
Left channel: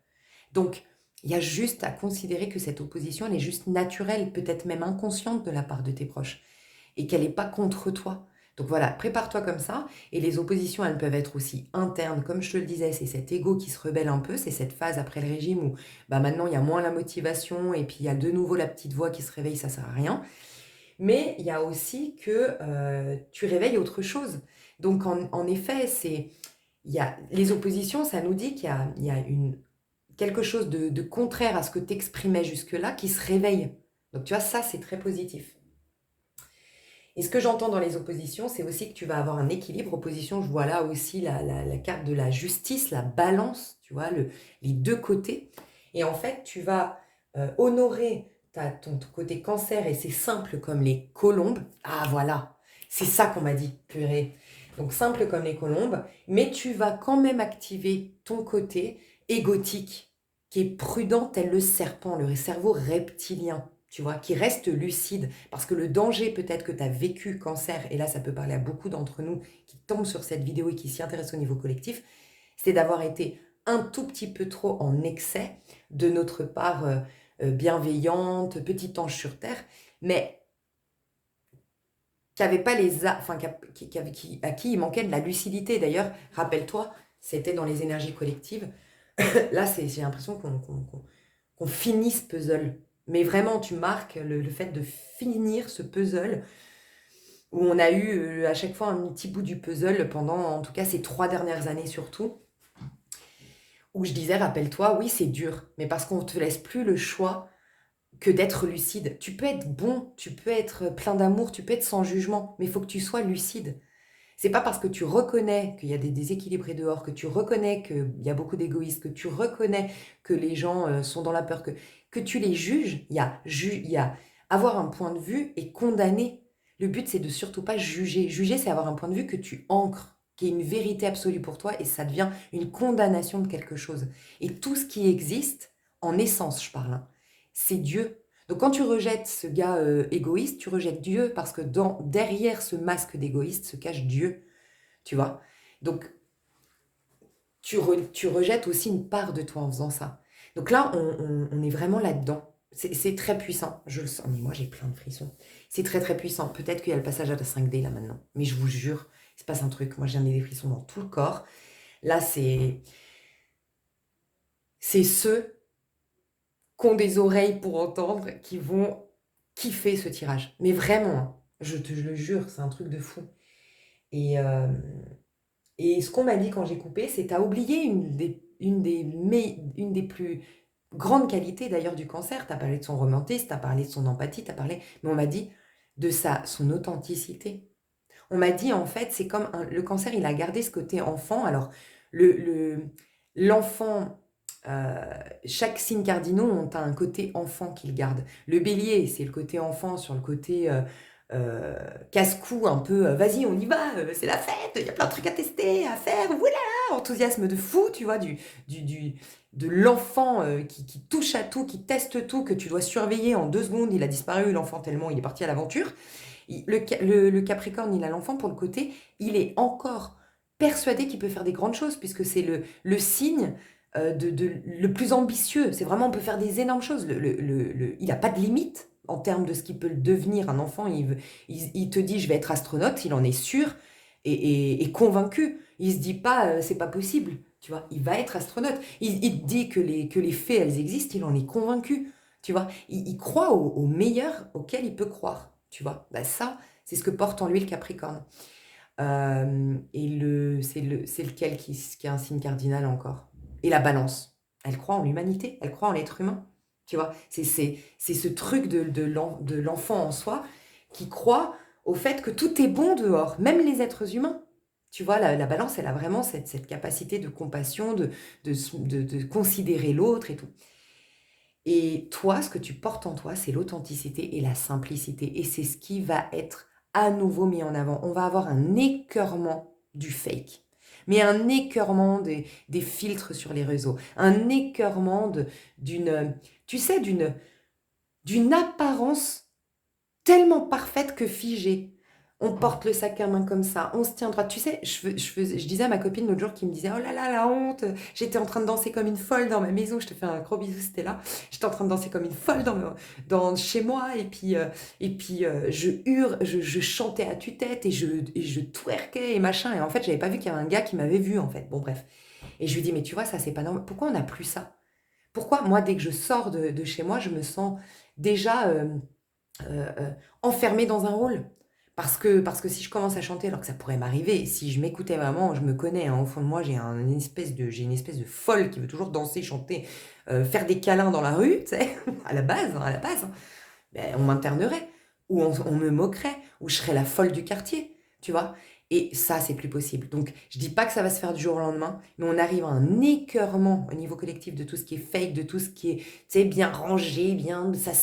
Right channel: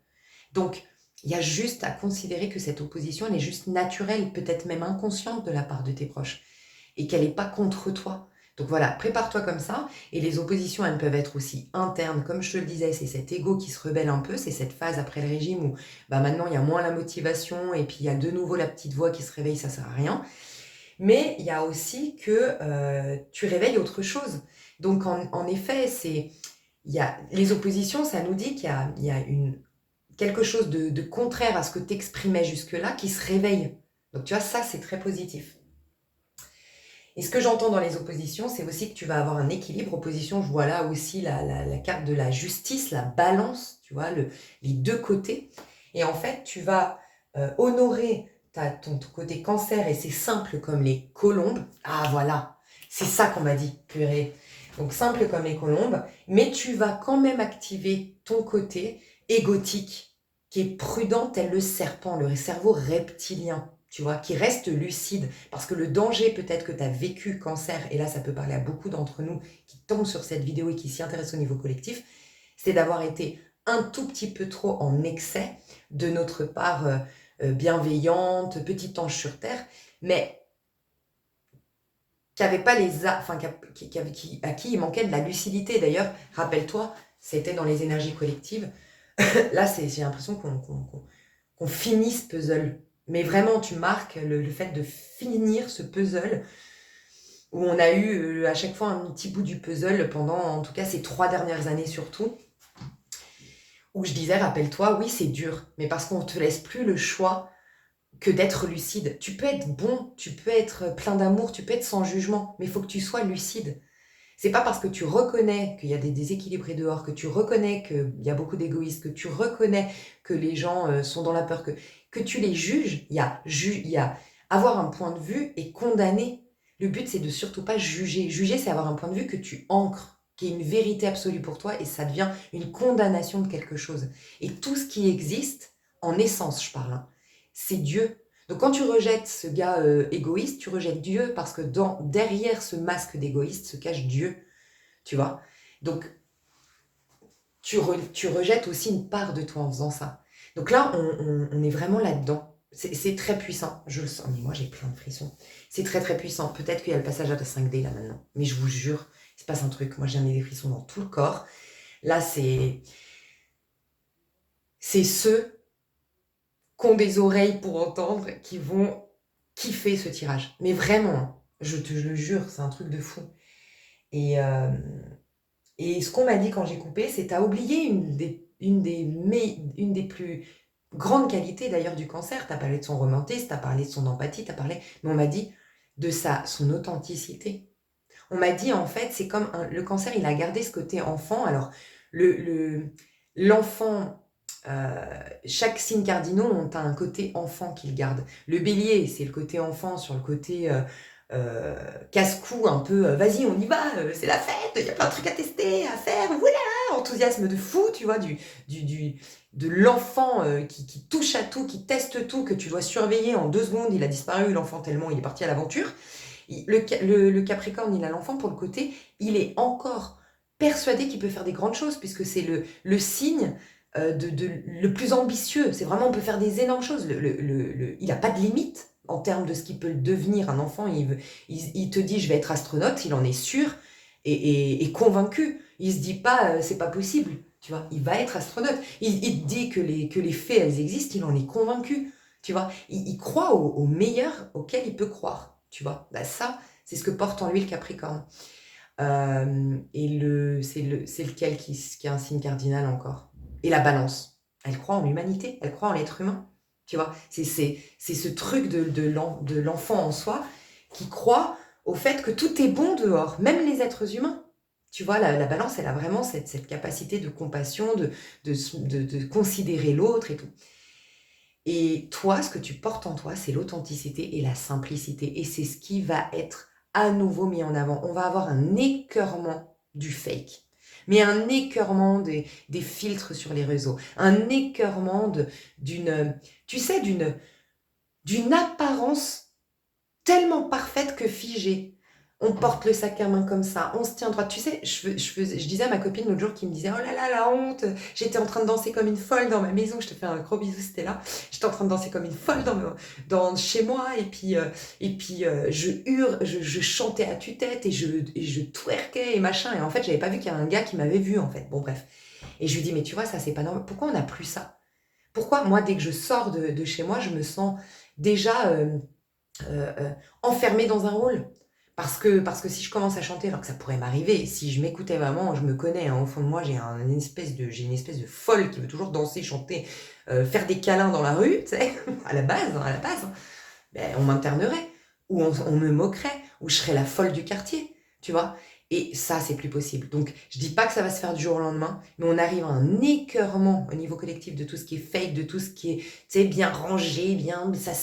Donc, il y a juste à considérer que cette opposition, elle est juste naturelle, peut-être même inconsciente de la part de tes proches, et qu'elle n'est pas contre toi. Donc voilà, prépare-toi comme ça, et les oppositions, elles peuvent être aussi internes, comme je te le disais, c'est cet ego qui se rebelle un peu, c'est cette phase après le régime où bah, maintenant il y a moins la motivation, et puis il y a de nouveau la petite voix qui se réveille, ça sert à rien. Mais il y a aussi que tu réveilles autre chose. Donc en effet, les oppositions, ça nous dit qu'il y a quelque chose de contraire à ce que tu exprimais jusque-là qui se réveille. Donc tu vois, ça c'est très positif. Et ce que j'entends dans les oppositions, c'est aussi que tu vas avoir un équilibre. Opposition, je vois là aussi la carte de la justice, la balance, tu vois, les deux côtés. Et en fait, tu vas honorer ton côté cancer et c'est simple comme les colombes. Ah voilà, c'est ça qu'on m'a dit, purée. Donc simple comme les colombes, mais tu vas quand même activer ton côté égotique, qui est prudent tel le serpent, le cerveau reptilien, tu vois, qui reste lucide. Parce que le danger peut-être que tu as vécu cancer, et là ça peut parler à beaucoup d'entre nous qui tombent sur cette vidéo et qui s'y intéressent au niveau collectif, c'est d'avoir été un tout petit peu trop en excès de notre part bienveillante, petit ange sur terre, mais qui avait pas enfin, à qui il manquait de la lucidité. D'ailleurs, rappelle-toi, c'était dans les énergies collectives. Là, j'ai l'impression qu'on finit ce puzzle. Mais vraiment, tu marques le fait de finir ce puzzle où on a eu à chaque fois un petit bout du puzzle pendant, en tout cas, ces 3 dernières années surtout, où je disais, rappelle-toi, oui, c'est dur, mais parce qu'on ne te laisse plus le choix que d'être lucide. Tu peux être bon, tu peux être plein d'amour, tu peux être sans jugement, mais il faut que tu sois lucide. C'est pas parce que tu reconnais qu'il y a des déséquilibrés dehors, que tu reconnais qu'il y a beaucoup d'égoïstes, que tu reconnais que les gens sont dans la peur, que tu les juges. Il y a avoir un point de vue et condamner. Le but, c'est de surtout pas juger. Juger, c'est avoir un point de vue que tu ancres, qui est une vérité absolue pour toi, et ça devient une condamnation de quelque chose. Et tout ce qui existe, en essence, je parle, hein, c'est Dieu. Donc quand tu rejettes ce gars égoïste, tu rejettes Dieu parce que derrière ce masque d'égoïste se cache Dieu, tu vois. Donc tu rejettes aussi une part de toi en faisant ça. Donc là, on est vraiment là-dedans. C'est très puissant, je le sens. Mais moi, j'ai plein de frissons. C'est très très puissant. Peut-être qu'il y a le passage à la 5D là maintenant. Mais je vous jure, il se passe un truc. Moi, j'en ai des frissons dans tout le corps. Là, c'est ceux qui ont des oreilles pour entendre qui vont kiffer ce tirage. Mais vraiment, je te le jure, c'est un truc de fou. Et, euh, et ce qu'on m'a dit quand j'ai coupé, c'est t'as oublié une des plus grandes qualités d'ailleurs du cancer. T'as parlé de son romantisme, t'as parlé de son empathie, mais on m'a dit de son authenticité. On m'a dit en fait, c'est comme le cancer, il a gardé ce côté enfant. Alors, le, le- l'enfant, chaque signe cardinaux ont un côté enfant qu'ils gardent. Le bélier, c'est le côté enfant sur le côté casse-cou, un peu vas-y, on y va, c'est la fête, il y a plein de trucs à tester, à faire, voilà, enthousiasme de fou, tu vois, de l'enfant qui touche à tout, qui teste tout, que tu dois surveiller en 2 secondes, il a disparu, l'enfant, tellement il est parti à l'aventure. Le Capricorne, il a l'enfant pour le côté, il est encore persuadé qu'il peut faire des grandes choses, puisque c'est le signe le plus ambitieux. C'est vraiment, on peut faire des énormes choses. Il n'a pas de limite en termes de ce qu'il peut devenir. Un enfant, il te dit, je vais être astronaute, il en est sûr et convaincu. Il se dit pas, c'est pas possible. Tu vois, il va être astronaute. Il te dit que les fées, elles existent, il en est convaincu. Tu vois, il croit au meilleur auquel il peut croire. Tu vois, bah ça, c'est ce que porte en lui le Capricorne. C'est lequel qui a un signe cardinal encore? Et la balance. Elle croit en l'humanité, elle croit en l'être humain. Tu vois, c'est ce truc de l'enfant en soi qui croit au fait que tout est bon dehors, même les êtres humains. Tu vois, la balance, elle a vraiment cette capacité de compassion, de considérer l'autre et tout. Et toi, ce que tu portes en toi, c'est l'authenticité et la simplicité. Et c'est ce qui va être à nouveau mis en avant. On va avoir un écœurement du fake. Mais un écœurement des filtres sur les réseaux. Un écœurement tu sais, d'une apparence tellement parfaite que figée. On porte le sac à main comme ça, on se tient droit. Tu sais, je disais à ma copine l'autre jour qui me disait, oh là là, la honte, j'étais en train de danser comme une folle dans ma maison, je te fais un gros bisou, c'était là. J'étais en train de danser comme une folle chez moi, je je chantais à tue-tête et je twerkais et machin. Et en fait, j'avais pas vu qu'il y avait un gars qui m'avait vu, en fait. Bon, bref. Et je lui dis, mais tu vois, ça, c'est pas normal. Pourquoi on n'a plus ça? Pourquoi, moi, dès que je sors de chez moi, je me sens déjà enfermée dans un rôle. Parce que si je commence à chanter, alors que ça pourrait m'arriver, si je m'écoutais vraiment, je me connais, hein, au fond de moi, j'ai une espèce de folle qui veut toujours danser, chanter, faire des câlins dans la rue, tu sais, à la base, hein. Ben, on m'internerait, ou on me moquerait, ou je serais la folle du quartier, tu vois. Et ça, c'est plus possible. Donc, je dis pas que ça va se faire du jour au lendemain, mais on arrive à un écœurement au niveau collectif de tout ce qui est fake, de tout ce qui est, tu sais, bien rangé, bien, ça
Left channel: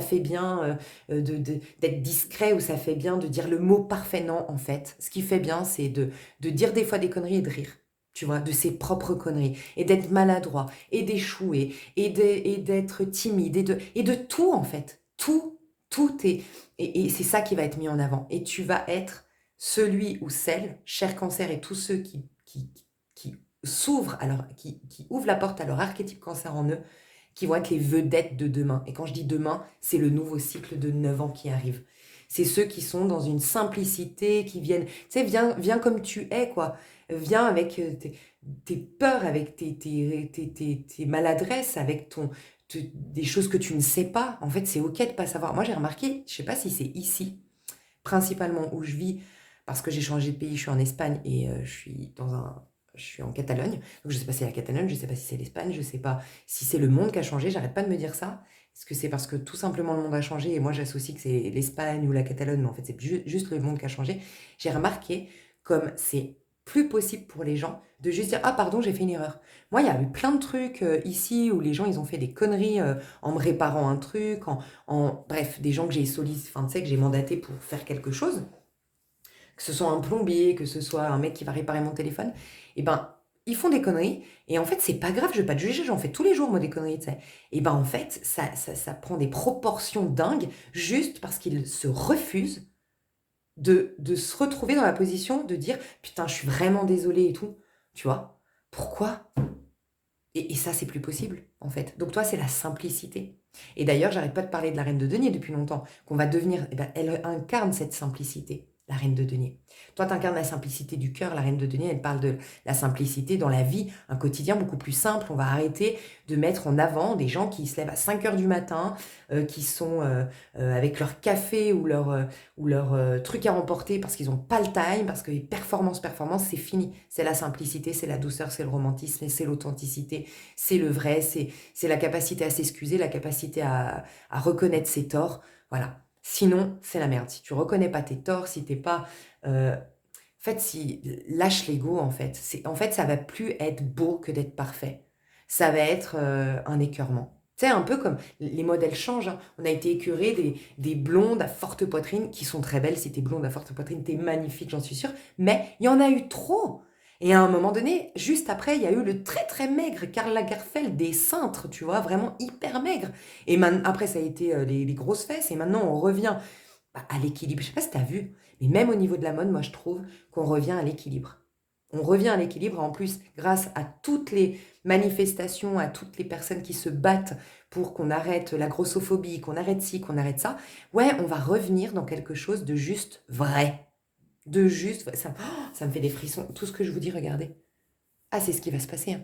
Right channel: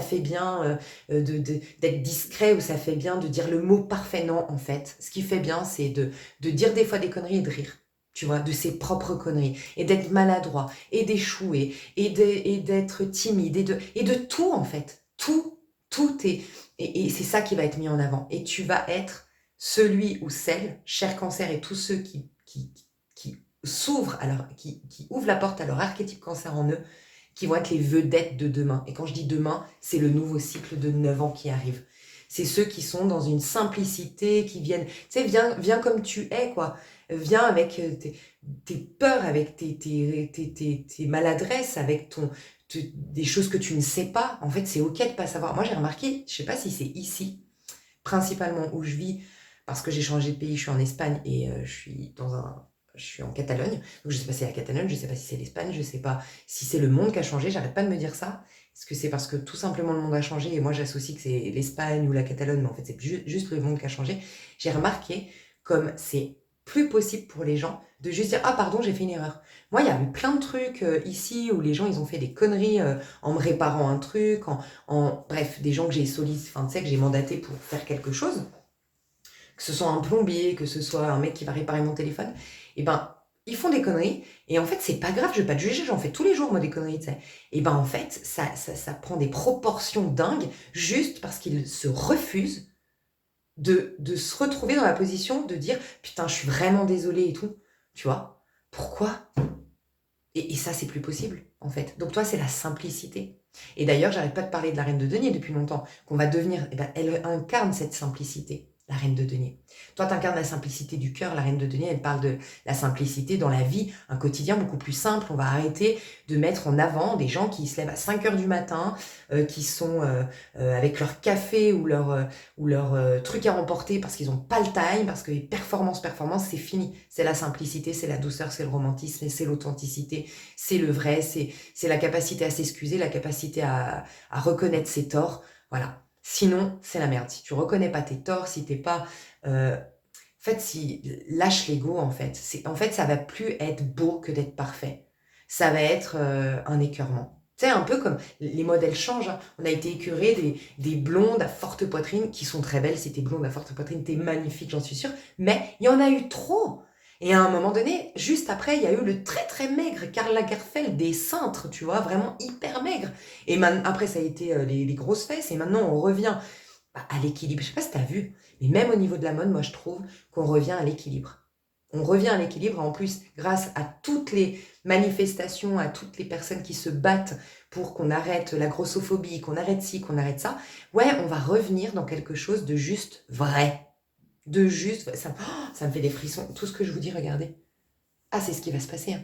fait bien d'être discret, ou ça fait bien de dire le mot parfait. Non, en fait, ce qui fait bien, c'est de dire des fois des conneries et de rire. Tu vois, de ses propres conneries, et d'être maladroit, et d'échouer, et d'être timide, et de tout, en fait. Tout est. Et c'est ça qui va être mis en avant. Et tu vas être celui ou celle, cher cancer, et tous ceux qui s'ouvrent, alors, qui ouvrent la porte à leur archétype cancer en eux, qui vont être les vedettes de demain. Et quand je dis demain, c'est le nouveau cycle de 9 ans qui arrive. C'est ceux qui sont dans une simplicité, qui viennent, tu sais, viens comme tu es, quoi. Viens avec tes peurs, avec tes maladresses, avec des choses que tu ne sais pas. En fait, c'est OK de ne pas savoir. Moi, j'ai remarqué, je ne sais pas si c'est ici, principalement où je vis, parce que j'ai changé de pays, je suis en Espagne et je suis en Catalogne. Donc je ne sais pas si c'est la Catalogne, je ne sais pas si c'est l'Espagne, je ne sais pas si c'est le monde qui a changé, j'arrête pas de me dire ça. Est-ce que c'est parce que tout simplement le monde a changé et moi j'associe que c'est l'Espagne ou la Catalogne, mais en fait c'est juste le monde qui a changé. J'ai remarqué comme c'est plus possible pour les gens de juste dire ah pardon j'ai fait une erreur. Moi il y a eu plein de trucs ici où les gens ils ont fait des conneries en me réparant un truc, bref, des gens que j'ai sollicité, enfin tu sais que j'ai mandaté pour faire quelque chose, que ce soit un plombier, que ce soit un mec qui va réparer mon téléphone, et ben ils font des conneries, et en fait c'est pas grave, je vais pas te juger, j'en fais tous les jours moi des conneries, tu sais. Et ben en fait ça prend des proportions dingues juste parce qu'ils se refusent de se retrouver dans la position de dire putain je suis vraiment désolée et tout, tu vois. Pourquoi? Et ça c'est plus possible en fait. Donc toi c'est la simplicité. Et d'ailleurs j'arrête pas de parler de la reine de denier depuis longtemps, qu'on va devenir, eh ben, elle incarne cette simplicité, la reine de denier. Toi tu incarnes la simplicité du cœur, la reine de denier elle parle de la simplicité dans la vie, un quotidien beaucoup plus simple. On va arrêter de mettre en avant des gens qui se lèvent à 5 heures du matin, qui sont avec leur café ou leur truc à remporter parce qu'ils n'ont pas le time, parce que les performances, c'est fini. C'est la simplicité, c'est la douceur, c'est le romantisme, c'est l'authenticité, c'est le vrai, c'est la capacité à s'excuser, la capacité à reconnaître ses torts. Voilà. Sinon, c'est la merde. Si tu reconnais pas tes torts, si t'es pas... en fait, lâche l'ego, en fait. En fait, ça va plus être beau que d'être parfait. Ça va être un écœurement. Tu sais, un peu comme les modèles changent, hein. On a été écœurés des blondes à forte poitrine, qui sont très belles. Si t'es blonde à forte poitrine, t'es magnifique, j'en suis sûre. Mais il y en a eu trop. Et à un moment donné, juste après, il y a eu le très très maigre Karl Lagerfeld des cintres, tu vois, vraiment hyper maigre. Et après, ça a été les grosses fesses. Et maintenant, on revient à l'équilibre. Je sais pas si tu as vu, mais même au niveau de la mode, moi je trouve qu'on revient à l'équilibre. On revient à l'équilibre en plus grâce à toutes les manifestations, à toutes les personnes qui se battent pour qu'on arrête la grossophobie, qu'on arrête ci, qu'on arrête ça. Ouais, on va revenir dans quelque chose de juste vrai. De juste... ça me fait des frissons. Tout ce que je vous dis, regardez. Ah, c'est ce qui va se passer, hein.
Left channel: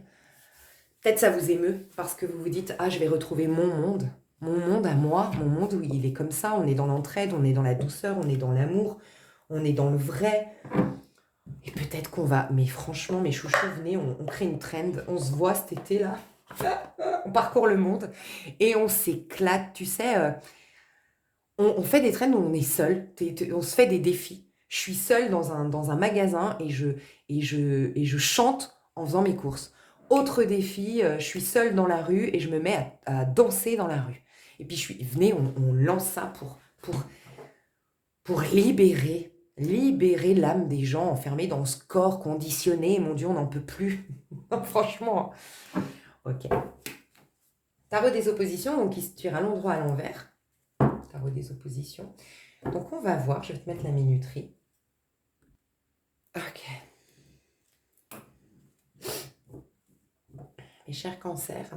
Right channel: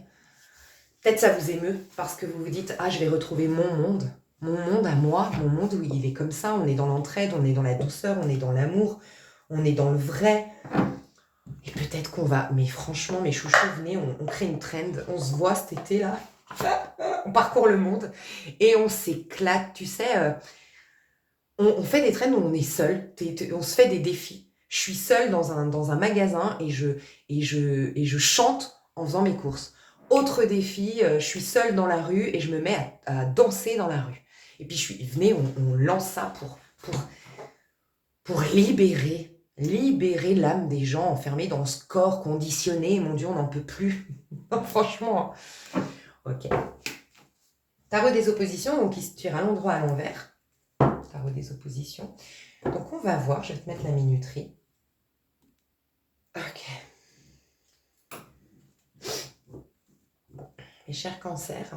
Peut-être ça vous émeut parce que vous vous dites ah je vais retrouver mon monde à moi, mon monde où il est comme ça, on est dans l'entraide, on est dans la douceur, on est dans l'amour, on est dans le vrai. Et peut-être qu'on va, mais franchement mes chouchous, venez, on crée une trend, on se voit cet été là, on parcourt le monde et on s'éclate, tu sais, on fait des trends où on est seul, on se fait des défis. Je suis seule dans un magasin et je chante en faisant mes courses. Autre défi, je suis seule dans la rue et je me mets à danser dans la rue. Et puis venez, on lance ça pour libérer l'âme des gens enfermés dans ce corps conditionné. Mon Dieu, on n'en peut plus. Non, franchement. Ok. Tarot des oppositions, donc il se tire à l'endroit à l'envers. Tarot des oppositions. Donc on va voir, je vais te mettre la minuterie. Ok. Mes chers cancers,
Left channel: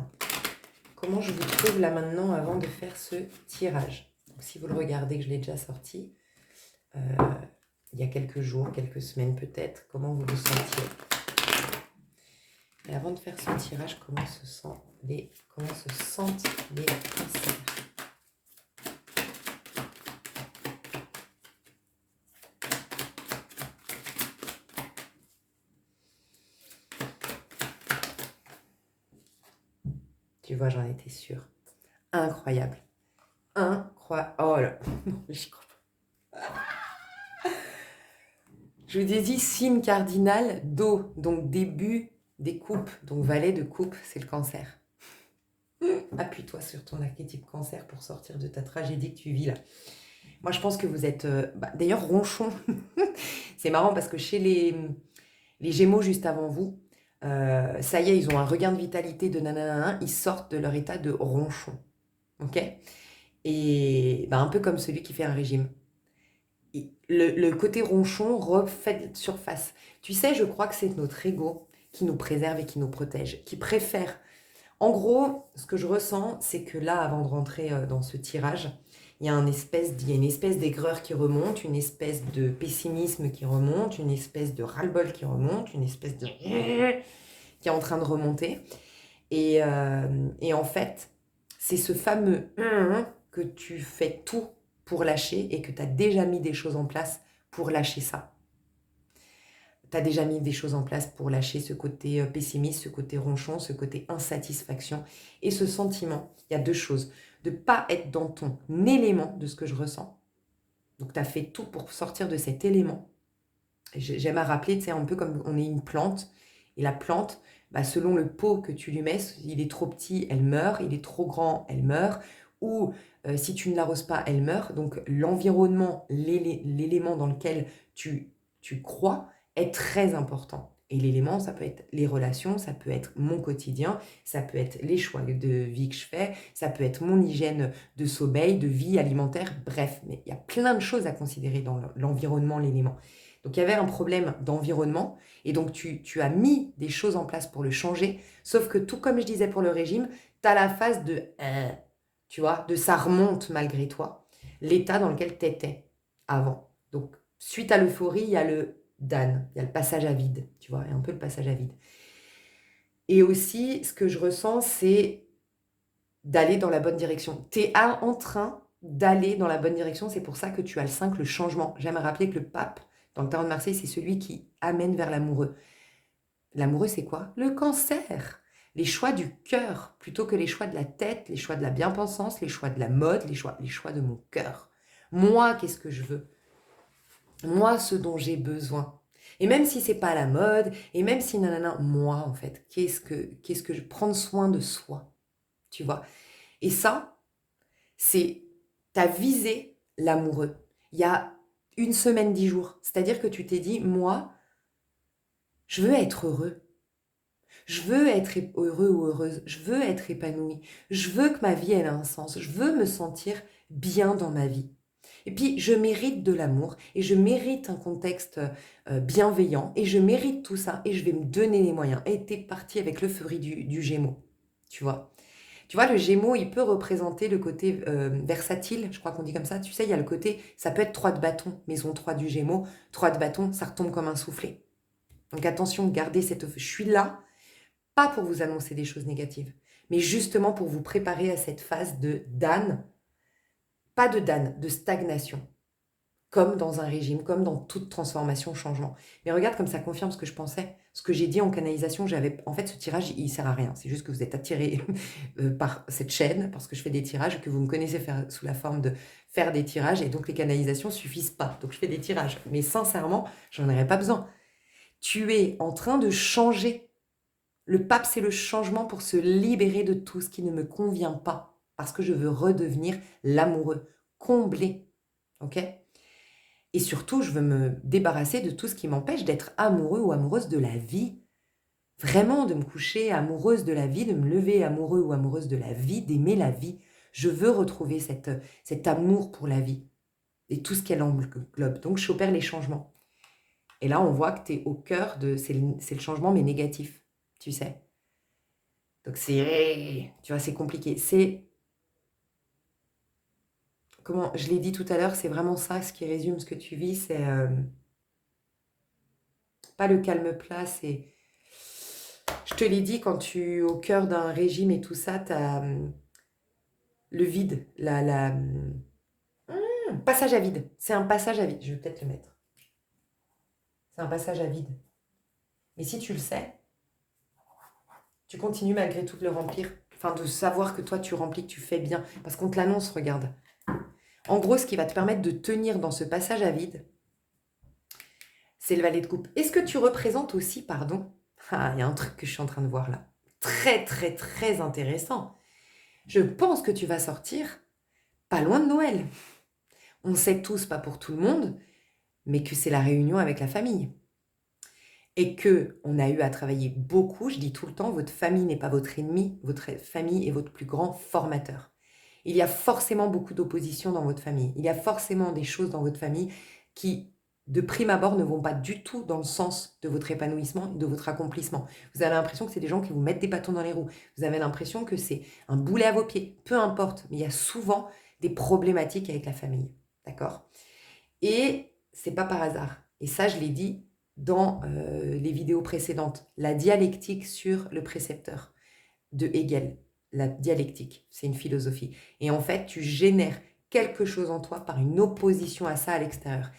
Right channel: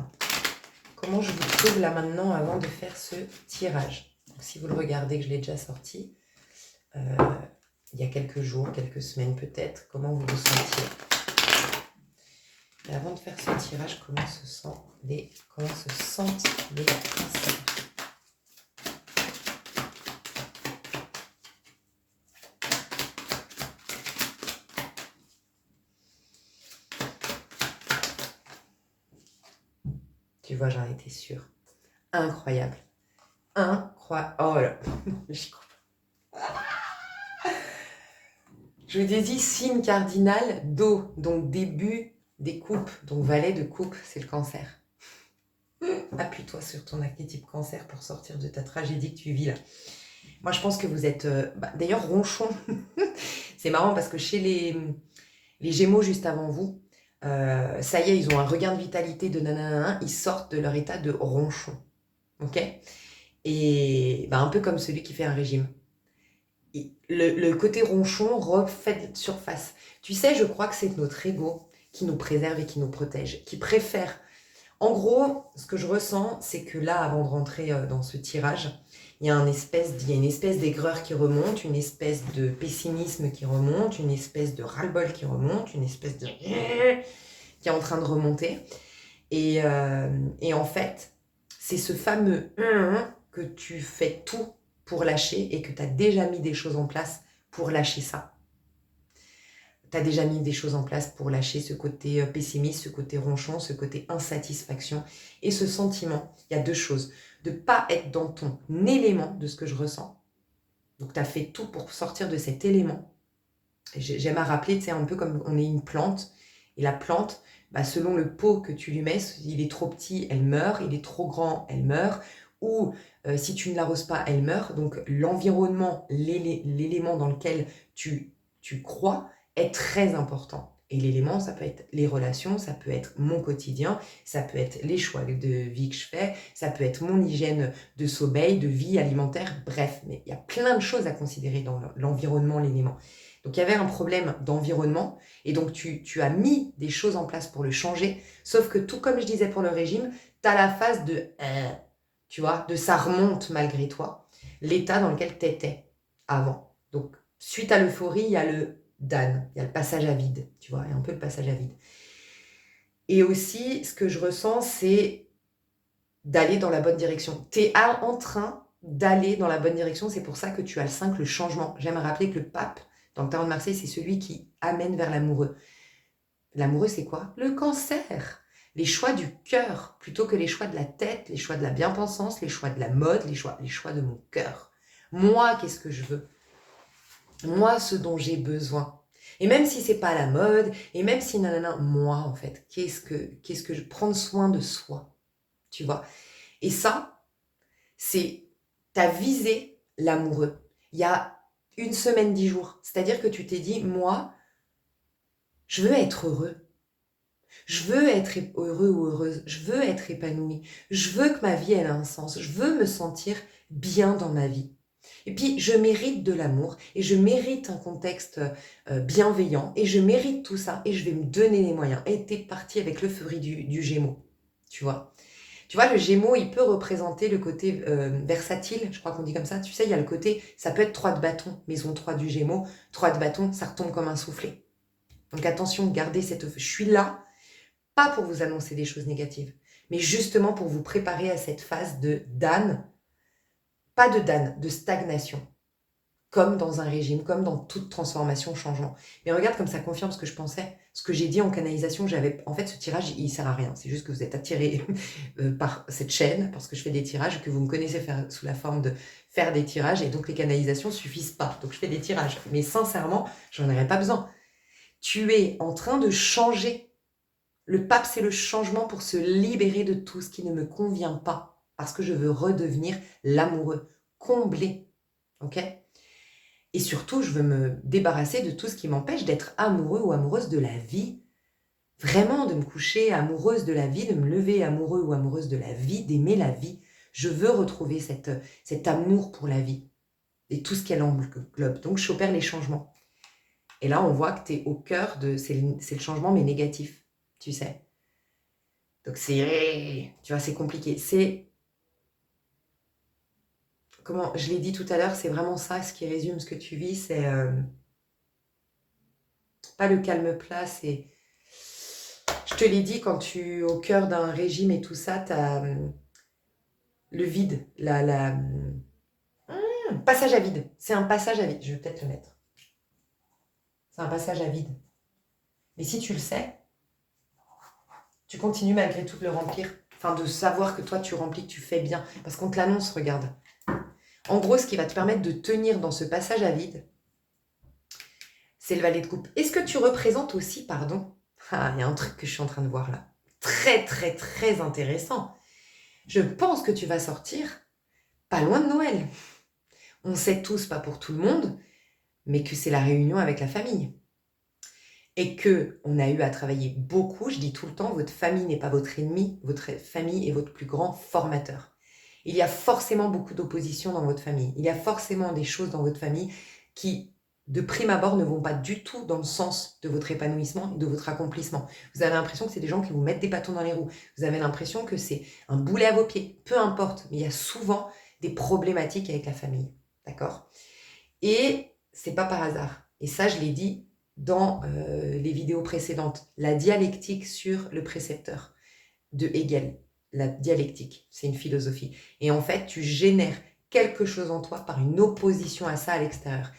comment je vous trouve là maintenant avant de faire ce tirage? Donc, si vous le regardez, que je l'ai déjà sorti, il y a quelques jours, quelques semaines peut-être, comment vous vous sentiez? Et avant de faire ce tirage, comment se sentent les cancers? Tu vois, j'en étais sûre. Incroyable. Incroyable. Oh là, j'y crois pas. Je vous ai dit signe cardinal d'eau, donc début des coupes, donc valet de coupe, c'est le cancer. Appuie-toi sur ton archétype cancer pour sortir de ta tragédie que tu vis là. Moi, je pense que vous êtes... d'ailleurs, ronchon. C'est marrant parce que chez les Gémeaux, juste avant vous, ça y est, ils ont un regain de vitalité de nanana, ils sortent de leur état de ronchon. Ok? Et un peu comme celui qui fait un régime. Le côté ronchon refait surface. Tu sais, je crois que c'est notre ego qui nous préserve et qui nous protège, qui préfère. En gros, ce que je ressens, c'est que là, avant de rentrer dans ce tirage, il y a une espèce d'aigreur qui remonte, une espèce de pessimisme qui remonte, une espèce de ras-le-bol qui remonte, une espèce de... qui est en train de remonter. Et en fait, c'est ce fameux que tu fais tout pour lâcher et que tu as déjà mis des choses en place pour lâcher ça. Tu as déjà mis des choses en place pour lâcher ce côté pessimiste, ce côté ronchon, ce côté insatisfaction et ce sentiment. Il y a deux choses. De ne pas être dans ton élément de ce que je ressens. Donc tu as fait tout pour sortir de cet élément. J'aime à rappeler, tu sais, un peu comme on est une plante. Et la plante, selon le pot que tu lui mets, il est trop petit, elle meurt. Il est trop grand, elle meurt. Ou si tu ne l'arroses pas, elle meurt. Donc l'environnement, l'élément dans lequel tu crois est très important. Et l'élément, ça peut être les relations, ça peut être mon quotidien, ça peut être les choix de vie que je fais, ça peut être mon hygiène de sommeil, de vie alimentaire, bref. Mais il y a plein de choses à considérer dans l'environnement, l'élément. Donc il y avait un problème d'environnement et donc tu as mis des choses en place pour le changer, sauf que tout comme je disais pour le régime, tu as la phase de tu vois, de ça remonte malgré toi, l'état dans lequel tu étais avant. Donc suite à l'euphorie, il y a le Dan, il y a le passage à vide, tu vois, il y a un peu le passage à vide. Et aussi, ce que je ressens, c'est d'aller dans la bonne direction. Tu es en train d'aller dans la bonne direction, c'est pour ça que tu as le 5, le changement. J'aime rappeler que le pape, dans le tarot de Marseille, c'est celui qui amène vers l'amoureux. L'amoureux, c'est quoi? Le cancer. Les choix du cœur, plutôt que les choix de la tête, les choix de la bien-pensance, les choix de la mode, les choix de mon cœur. Moi, qu'est-ce que je veux? Moi, ce dont j'ai besoin. Et même si c'est pas la mode, et même si nanana, moi, en fait, qu'est-ce que je prends soin de soi, tu vois? Et ça, c'est, t'as visé l'amoureux. Il y a 1 semaine, 10 jours. C'est-à-dire que tu t'es dit, moi, je veux être heureux. Je veux être heureux ou heureuse. Je veux être épanouie. Je veux que ma vie, elle a un sens. Je veux me sentir bien dans ma vie. Et puis, je mérite de l'amour et je mérite un contexte bienveillant et je mérite tout ça et je vais me donner les moyens. Et t'es parti avec l'euphorie du Gémeaux, tu vois. Tu vois, le Gémeaux, il peut représenter le côté versatile, je crois qu'on dit comme ça. Tu sais, il y a le côté, ça peut être 3 de bâton, maison 3 du Gémeaux. 3 de bâton, ça retombe comme un soufflet. Donc attention, gardez cette... Je suis là, pas pour vous annoncer des choses négatives, mais justement pour vous préparer à cette phase de Dan, pas de Dan, de stagnation. Comme dans un régime, comme dans toute transformation, changement. Mais regarde comme ça confirme ce que je pensais, ce que j'ai dit en canalisation. En fait, ce tirage, il sert à rien. C'est juste que vous êtes attiré par cette chaîne, parce que je fais des tirages, que vous me connaissez faire, sous la forme de faire des tirages, et donc les canalisations ne suffisent pas. Donc je fais des tirages. Mais sincèrement, j'en aurais pas besoin. Tu es en train de changer. Le pape, c'est le changement pour se libérer de tout ce qui ne me convient pas, parce que je veux redevenir l'amoureux, combler. Ok ? Et surtout, je veux me débarrasser de tout ce qui m'empêche d'être amoureux ou amoureuse de la vie. Vraiment, de me coucher amoureuse de la vie, de me lever amoureux ou amoureuse de la vie, d'aimer la vie. Je veux retrouver cet amour pour la vie et tout ce qu'elle englobe. Donc, j'opère les changements. Et là, on voit que tu es au cœur de... C'est le changement, mais négatif, tu sais. Donc, tu vois, c'est compliqué. Comment je l'ai dit tout à l'heure, c'est vraiment ça, ce qui résume ce que tu vis, c'est pas le calme plat, c'est... Je te l'ai dit, quand tu es au cœur d'un régime et tout ça, tu as le vide, passage à vide. C'est un passage à vide. Je vais peut-être le mettre. C'est un passage à vide. Mais si tu le sais, tu continues malgré tout de le remplir. Enfin, de savoir que toi, tu remplis, que tu fais bien. Parce qu'on te l'annonce, regarde. En gros, ce qui va te permettre de tenir dans ce passage à vide, c'est le valet de coupe. Est-ce que tu représentes aussi, pardon, ah, il y a un truc que je suis en train de voir là, très très très intéressant. Je pense que tu vas sortir pas loin de Noël. On sait tous, pas pour tout le monde, mais que c'est la réunion avec la famille. Et que on a eu à travailler beaucoup, je dis tout le temps, votre famille n'est pas votre ennemi, votre famille est votre plus grand formateur. Il y a forcément beaucoup d'opposition dans votre famille. Il y a forcément des choses dans votre famille qui, de prime abord, ne vont pas du tout dans le sens de votre épanouissement, de votre accomplissement. Vous avez l'impression que c'est des gens qui vous mettent des bâtons dans les roues. Vous avez l'impression que c'est un boulet à vos pieds. Peu importe, mais il y a souvent des problématiques avec la famille. D'accord? Et c'est pas par hasard. Et ça, je l'ai dit dans les vidéos précédentes. La dialectique sur le précepteur de Hegel. La dialectique, c'est une philosophie. Et en fait, tu génères quelque chose en toi par une opposition à ça à l'extérieur.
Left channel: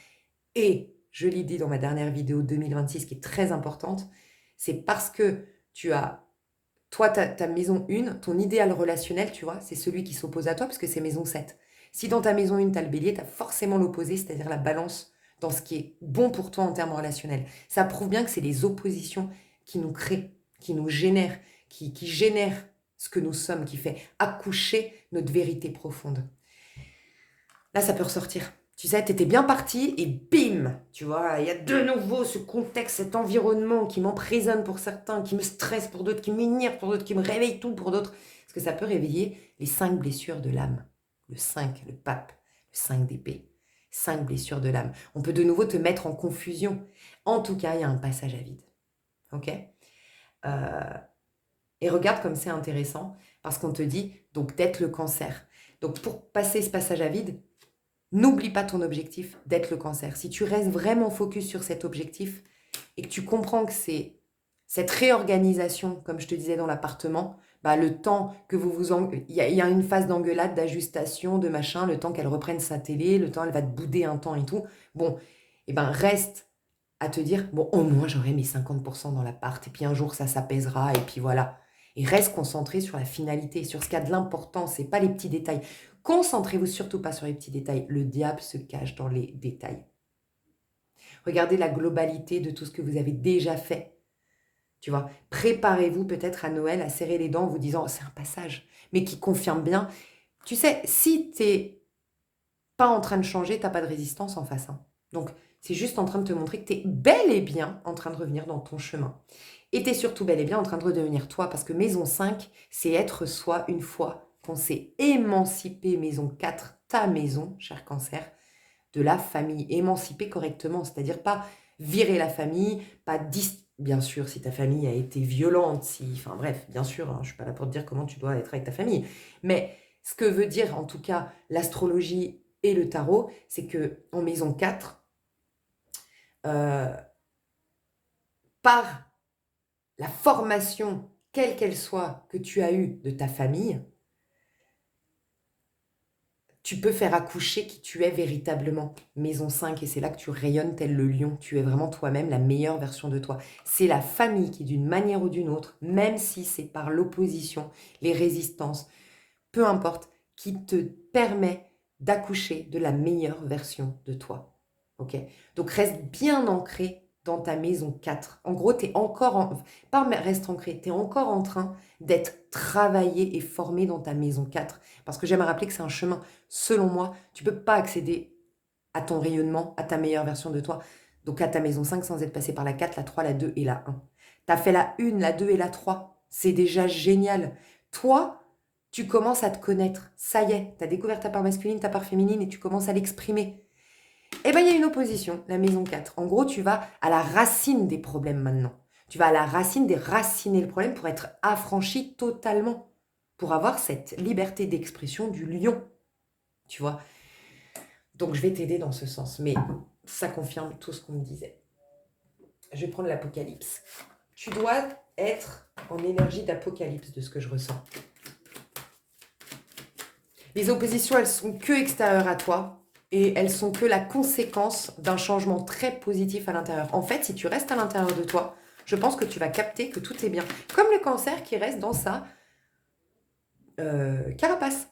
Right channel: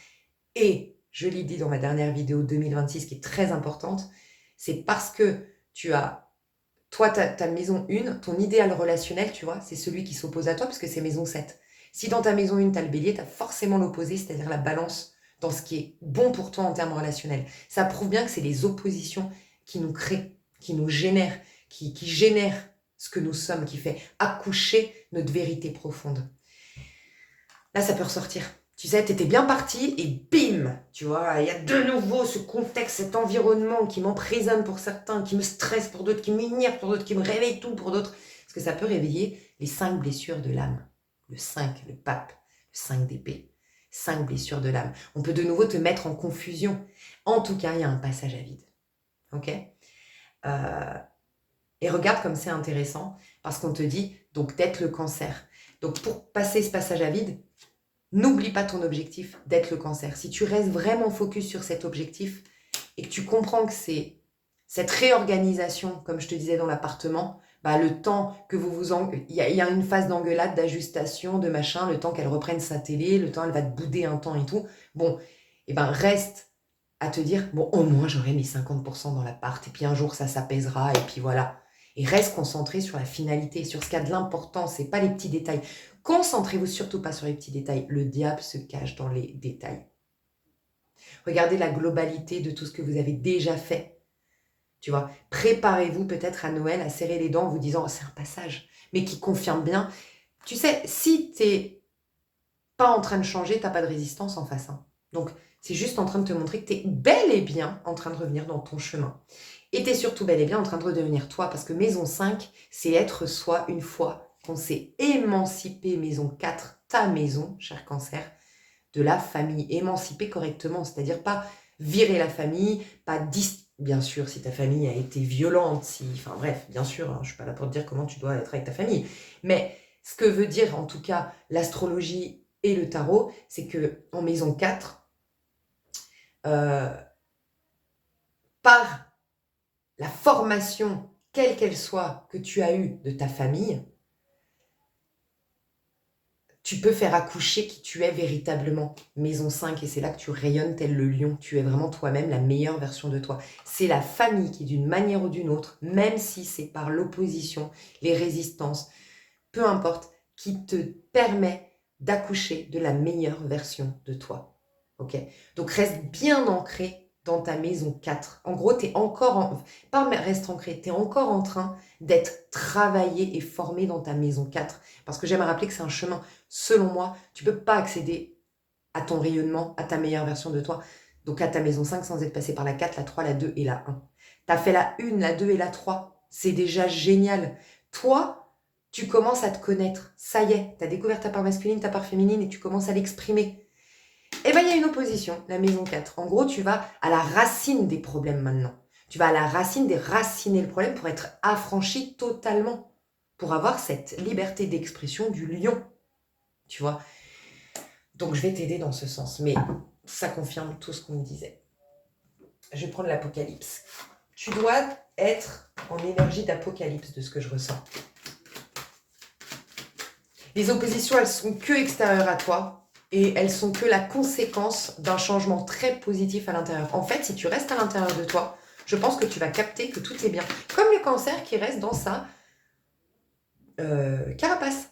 Et, je l'ai dit dans ma dernière vidéo 2026 qui est très importante, c'est parce que tu as, toi, ta maison 1, ton idéal relationnel, tu vois, c'est celui qui s'oppose à toi parce que c'est maison 7. Si dans ta maison 1, tu as le bélier, tu as forcément l'opposé, c'est-à-dire la balance dans ce qui est bon pour toi en termes relationnels. Ça prouve bien que c'est les oppositions qui nous créent, qui nous génèrent, qui génèrent ce que nous sommes, qui fait accoucher notre vérité profonde. Là, ça peut ressortir. Tu sais, t'étais bien parti et bim, tu vois, il y a de nouveau ce contexte, cet environnement qui m'emprisonne pour certains, qui me stresse pour d'autres, qui m'énerve pour d'autres, qui me réveille tout pour d'autres. Parce que ça peut réveiller les 5 blessures de l'âme. Le 5, le pape, le 5 d'épée. 5 blessures de l'âme. On peut de nouveau te mettre en confusion. En tout cas, il y a un passage à vide. Ok Et regarde comme c'est intéressant, parce qu'on te dit, donc, d'être le cancer. Donc, pour passer ce passage à vide, n'oublie pas ton objectif d'être le cancer. Si tu restes vraiment focus sur cet objectif et que tu comprends que c'est cette réorganisation, comme je te disais dans l'appartement, bah, le temps que il y a une phase d'engueulade, d'ajustation, de machin, le temps qu'elle reprenne sa télé, le temps elle va te bouder un temps et tout. Bon, et ben reste à te dire, bon, au moins j'aurai mes 50% dans l'appart, et puis un jour ça s'apaisera, et puis voilà. Et reste concentré sur la finalité, sur ce qui a de l'importance, et pas les petits détails. Concentrez-vous surtout pas sur les petits détails. Le diable se cache dans les détails. Regardez la globalité de tout ce que vous avez déjà fait. Tu vois, préparez-vous peut-être à Noël à serrer les dents en vous disant oh, c'est un passage, mais qui confirme bien. Tu sais, si t'es pas en train de changer, t'as pas de résistance en face. Hein. Donc, c'est juste en train de te montrer que tu es bel et bien en train de revenir dans ton chemin. Et tu es surtout bel et bien en train de redevenir toi, parce que maison 5, c'est être soi une fois qu'on s'est émancipé, maison 4, ta maison, cher cancer, de la famille, émancipé correctement, c'est-à-dire pas virer la famille, pas bien sûr, si ta famille a été violente, enfin bref, bien sûr, hein, je suis pas là pour te dire comment tu dois être avec ta famille, mais ce que veut dire en tout cas l'astrologie et le tarot, c'est que en maison 4, par la formation, quelle qu'elle soit, que tu as eue de ta famille, tu peux faire accoucher qui tu es véritablement. Maison 5, et c'est là que tu rayonnes tel le lion. Tu es vraiment toi-même la meilleure version de toi. C'est la famille qui, d'une manière ou d'une autre, même si c'est par l'opposition, les résistances, peu importe, qui te permet d'accoucher de la meilleure version de toi. Ok? Donc reste bien ancré dans ta maison 4. En gros, tu es encore, pas reste ancré, tu es encore en train d'être travaillé et formé dans ta maison 4. Parce que j'aime rappeler que c'est un chemin. Selon moi, tu ne peux pas accéder à ton rayonnement, à ta meilleure version de toi, donc à ta maison 5 sans être passé par la 4, la 3, la 2 et la 1. Tu as fait la 1, la 2 et la 3. C'est déjà génial. Toi, tu commences à te connaître. Ça y est, tu as découvert ta part masculine, ta part féminine et tu commences à l'exprimer. Eh bien, il y a une opposition, la maison 4. En gros, tu vas à la racine des problèmes maintenant. Tu vas à la racine déraciner le problème pour être affranchi totalement. Pour avoir cette liberté d'expression du lion. Tu vois? Donc, je vais t'aider dans ce sens. Mais ça confirme tout ce qu'on me disait. Je vais prendre l'Apocalypse. Tu dois être en énergie d'Apocalypse de ce que je ressens. Les oppositions, elles sont que extérieures à toi. Et elles sont que la conséquence d'un changement très positif à l'intérieur. En fait, si tu restes à l'intérieur de toi, je pense que tu vas capter que tout est bien. Comme le cancer qui reste dans sa carapace.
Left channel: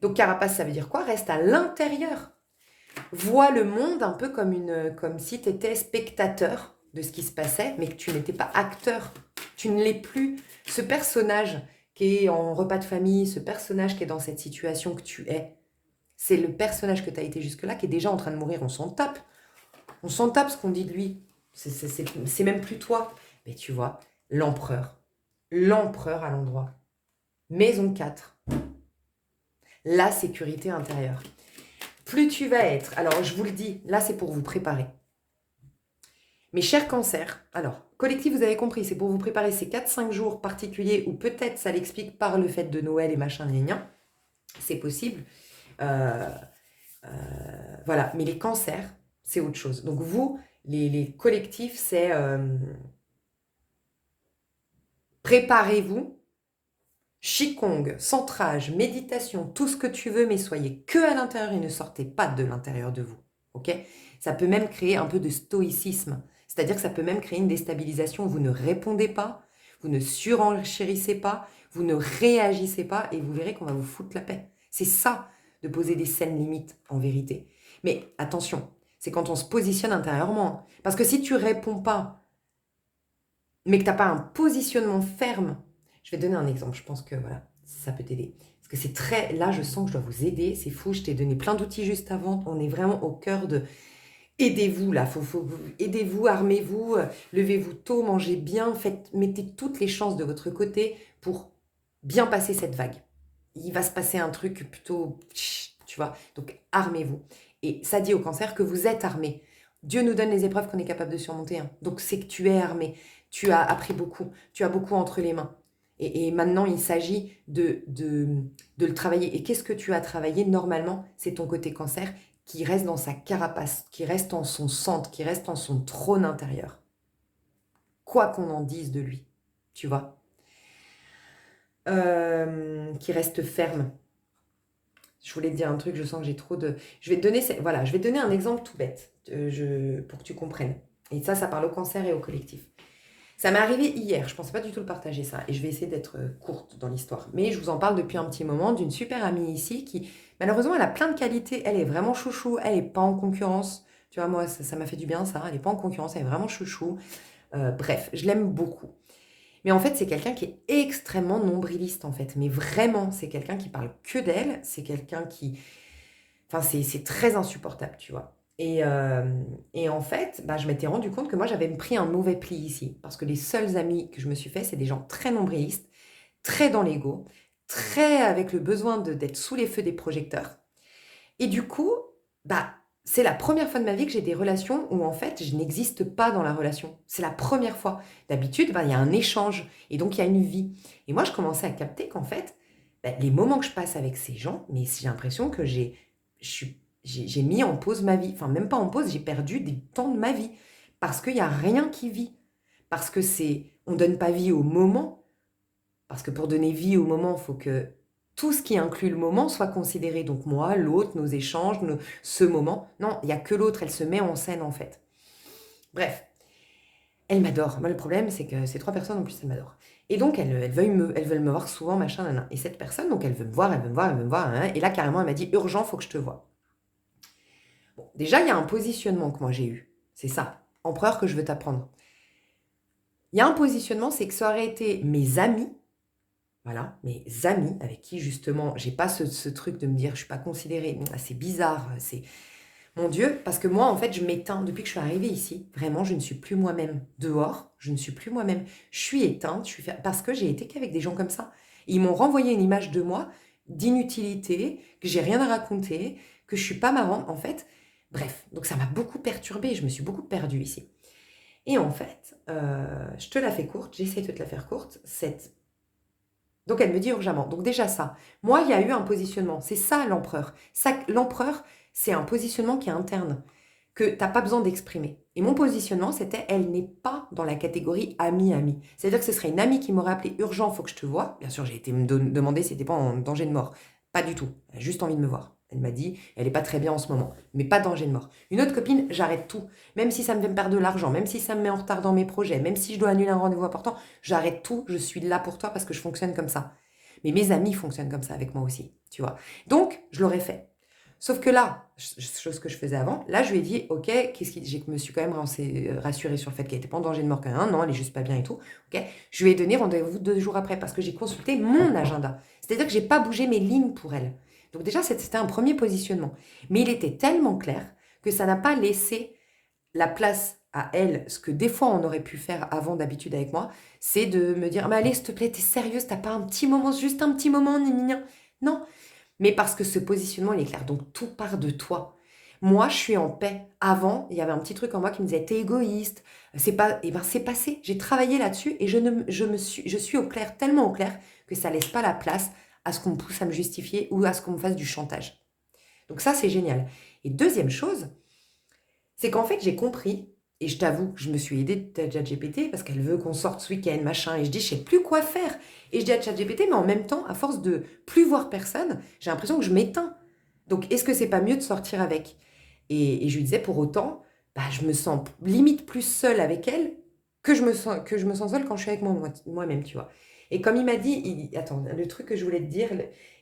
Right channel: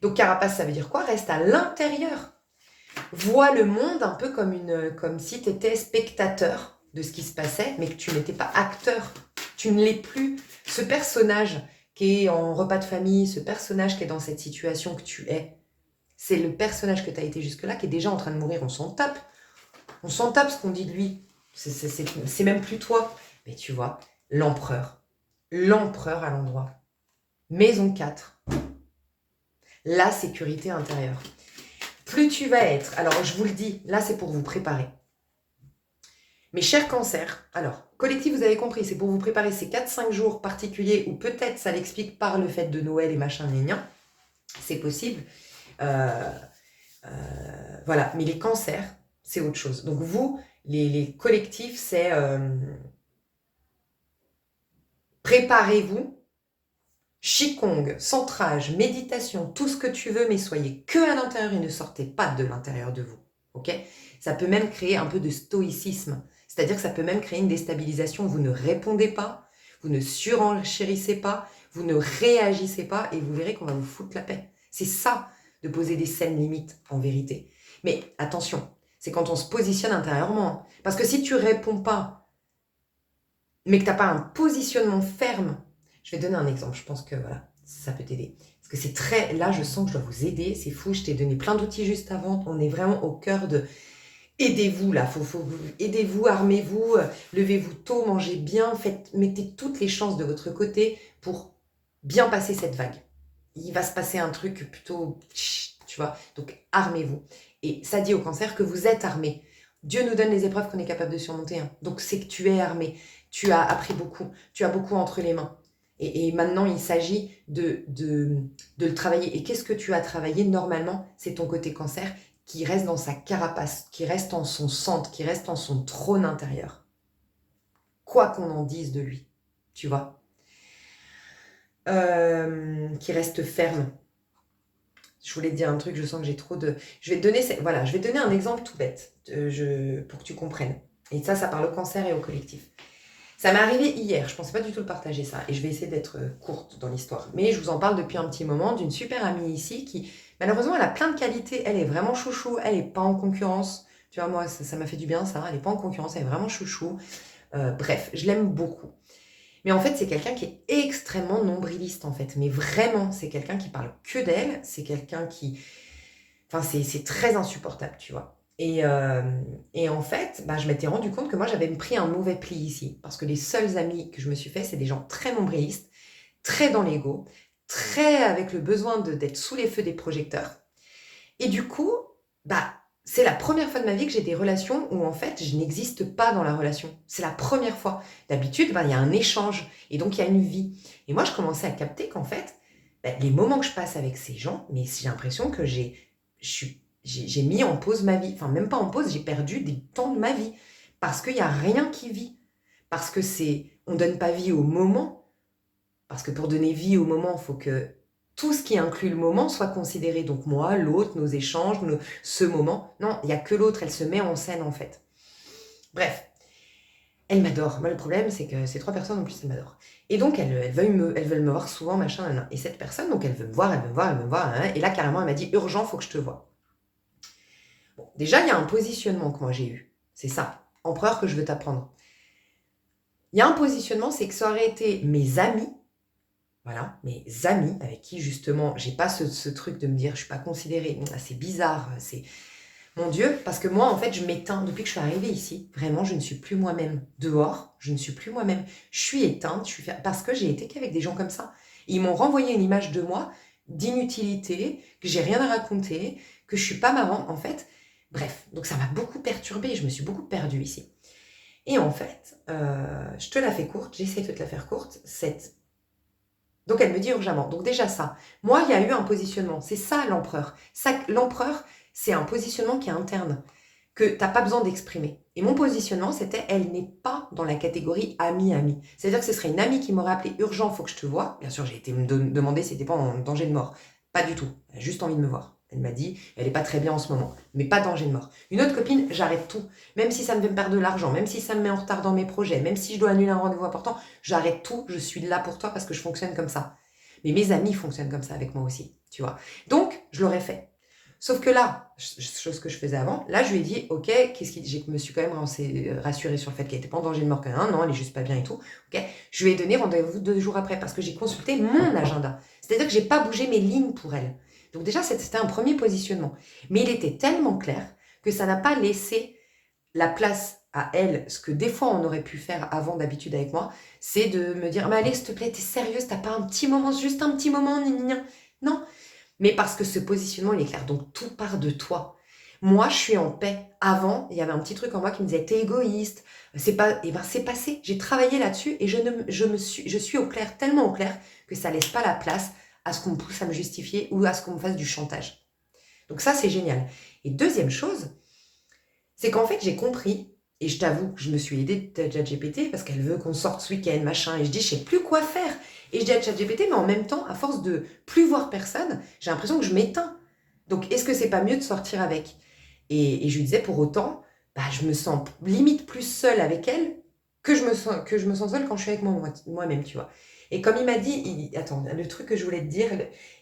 Donc carapace, ça veut dire quoi? Reste à l'intérieur. Vois le monde un peu comme si tu étais spectateur de ce qui se passait, mais que tu n'étais pas acteur. Tu ne l'es plus. Ce personnage qui est en repas de famille, ce personnage qui est dans cette situation que tu es, c'est le personnage que tu as été jusque-là qui est déjà en train de mourir. On s'en tape. On s'en tape ce qu'on dit de lui. C'est même plus toi. Mais tu vois, l'empereur. L'empereur à l'endroit. Maison 4. La sécurité intérieure. Plus tu vas être, alors je vous le dis, là c'est pour vous préparer. Mes chers cancers, alors, collectif, vous avez compris, c'est pour vous préparer ces 4-5 jours particuliers où peut-être ça l'explique par le fait de Noël et machin, gna, c'est possible. Voilà, mais les cancers, c'est autre chose. Donc vous, les collectifs, c'est préparez-vous, Qigong, centrage, méditation, tout ce que tu veux, mais soyez que à l'intérieur et ne sortez pas de l'intérieur de vous. Ok ? Ça peut même créer un peu de stoïcisme. C'est-à-dire que ça peut même créer une déstabilisation. Vous ne répondez pas, vous ne surenchérissez pas, vous ne réagissez pas et vous verrez qu'on va vous foutre la paix. C'est ça de poser des saines limites en vérité. Mais attention, c'est quand on se positionne intérieurement. Parce que si tu réponds pas, mais que tu n'as pas un positionnement ferme, je vais te donner un exemple, je pense que voilà, ça peut t'aider. Parce que c'est très, là je sens que je dois vous aider, c'est fou, je t'ai donné plein d'outils juste avant, on est vraiment au cœur de aidez-vous là, aidez-vous, armez-vous, levez-vous tôt, mangez bien, mettez toutes les chances de votre côté pour bien passer cette vague. Il va se passer un truc plutôt, tu vois, donc armez-vous. Et ça dit au cancer que vous êtes armé. Dieu nous donne les épreuves qu'on est capable de surmonter. Hein. Donc c'est que tu es armé, tu as appris beaucoup, tu as beaucoup entre les mains. Et maintenant, il s'agit de le travailler. Et qu'est-ce que tu as travaillé normalement? C'est ton côté cancer qui reste dans sa carapace, qui reste en son centre, qui reste en son trône intérieur. Quoi qu'on en dise de lui, tu vois. Qui reste ferme. Je voulais te dire un truc, je sens que j'ai trop de... Je vais te donner un exemple tout bête pour que tu comprennes. Et ça parle au cancer et au collectif. Ça m'est arrivé hier, je ne pensais pas du tout le partager ça, et je vais essayer d'être courte dans l'histoire. Mais je vous en parle depuis un petit moment d'une super amie ici qui, malheureusement, elle a plein de qualités. Elle est vraiment chouchou, elle n'est pas en concurrence. Tu vois, moi, ça m'a fait du bien, ça. Elle n'est pas en concurrence, elle est vraiment chouchou. Bref, je l'aime beaucoup. Mais en fait, c'est quelqu'un qui est extrêmement nombriliste, en fait. Mais vraiment, c'est quelqu'un qui parle que d'elle. C'est quelqu'un qui... Enfin, c'est très insupportable, tu vois. Et en fait, bah, je m'étais rendu compte que moi, j'avais pris un mauvais pli ici. Parce que les seuls amis que je me suis fait, c'est des gens très nombrilistes, très dans l'ego, très avec le besoin d'être sous les feux des projecteurs. Et du coup, bah, c'est la première fois de ma vie que j'ai des relations où en fait, je n'existe pas dans la relation. C'est la première fois. D'habitude, bah, il y a un échange et donc il y a une vie. Et moi, je commençais à capter qu'en fait, bah, les moments que je passe avec ces gens, mais j'ai l'impression que j'ai mis en pause ma vie. Enfin, même pas en pause, j'ai perdu des temps de ma vie. Parce qu'il n'y a rien qui vit. Parce que on ne donne pas vie au moment. Parce que pour donner vie au moment, il faut que tout ce qui inclut le moment soit considéré. Donc moi, l'autre, nos échanges, ce moment. Non, il n'y a que l'autre, elle se met en scène en fait. Bref, elle m'adore. Moi, le problème, c'est que ces 3 personnes, en plus, elles m'adorent. Et donc, elles veulent me voir souvent, machin, nan, nan. Et cette personne, donc, elle veut me voir, elle veut me voir, elle veut me voir. Hein. Et là, carrément, elle m'a dit, urgent, faut que je te voie. Bon, déjà, il y a un positionnement que moi j'ai eu. C'est ça, empereur, que je veux t'apprendre. Il y a un positionnement, c'est que ça aurait été mes amis, voilà, mes amis avec qui justement, j'ai pas ce truc de me dire je suis pas considérée, c'est bizarre, c'est mon Dieu, parce que moi en fait je m'éteins depuis que je suis arrivée ici, vraiment je ne suis plus moi-même. Dehors, je ne suis plus moi-même. Je suis éteinte, parce que j'ai été qu'avec des gens comme ça. Et ils m'ont renvoyé une image de moi, d'inutilité, que j'ai rien à raconter, que je suis pas marrant en fait. Bref, donc ça m'a beaucoup perturbée, je me suis beaucoup perdue ici. Et en fait, je te la fais courte, j'essaie de te la faire courte, donc elle me dit urgemment. Donc déjà ça. Moi, il y a eu un positionnement. C'est ça l'empereur. L'empereur, c'est un positionnement qui est interne, que tu n'as pas besoin d'exprimer. Et mon positionnement, c'était, elle n'est pas dans la catégorie ami-ami. C'est-à-dire que ce serait une amie qui m'aurait appelé urgent, il faut que je te voie. Bien sûr, j'ai été me demander si c'était pas en danger de mort. Pas du tout. Elle a juste envie de me voir. Elle m'a dit, elle n'est pas très bien en ce moment, mais pas danger de mort. Une autre copine, j'arrête tout. Même si ça me fait me perdre de l'argent, même si ça me met en retard dans mes projets, même si je dois annuler un rendez-vous important, j'arrête tout, je suis là pour toi parce que je fonctionne comme ça. Mais mes amis fonctionnent comme ça avec moi aussi, tu vois. Donc, je l'aurais fait. Sauf que là, chose que je faisais avant, là, je lui ai dit, ok, je me suis quand même rassurée sur le fait qu'elle n'était pas en danger de mort quand même, non, elle est juste pas bien et tout. Ok, je lui ai donné rendez-vous 2 jours après parce que j'ai consulté mon agenda. C'est-à-dire que j'ai pas bougé mes lignes pour elle. Donc déjà, c'était un premier positionnement. Mais il était tellement clair que ça n'a pas laissé la place à elle, ce que des fois on aurait pu faire avant d'habitude avec moi, c'est de me dire, mais allez, s'il te plaît, t'es sérieuse, t'as pas un petit moment, juste un petit moment, non, mais parce que ce positionnement, il est clair. Donc, tout part de toi. Moi, je suis en paix. Avant, il y avait un petit truc en moi qui me disait, t'es égoïste. C'est pas, et ben, c'est passé. J'ai travaillé là-dessus et je suis au clair, tellement au clair que ça laisse pas la place à ce qu'on me pousse à me justifier ou à ce qu'on me fasse du chantage. Donc ça, c'est génial. Et deuxième chose, c'est qu'en fait, j'ai compris, et je t'avoue que je me suis aidée de ChatGPT parce qu'elle veut qu'on sorte ce week-end, machin, et je dis, je sais plus quoi faire. Et je dis à ChatGPT, mais en même temps, à force de plus voir personne, j'ai l'impression que je m'éteins. Donc, est-ce que c'est pas mieux de sortir avec? Et je lui disais, pour autant, bah, je me sens limite plus seule avec elle que je me sens seule quand je suis avec moi-même, tu vois. Et comme il m'a dit, attends, le truc que je voulais te dire,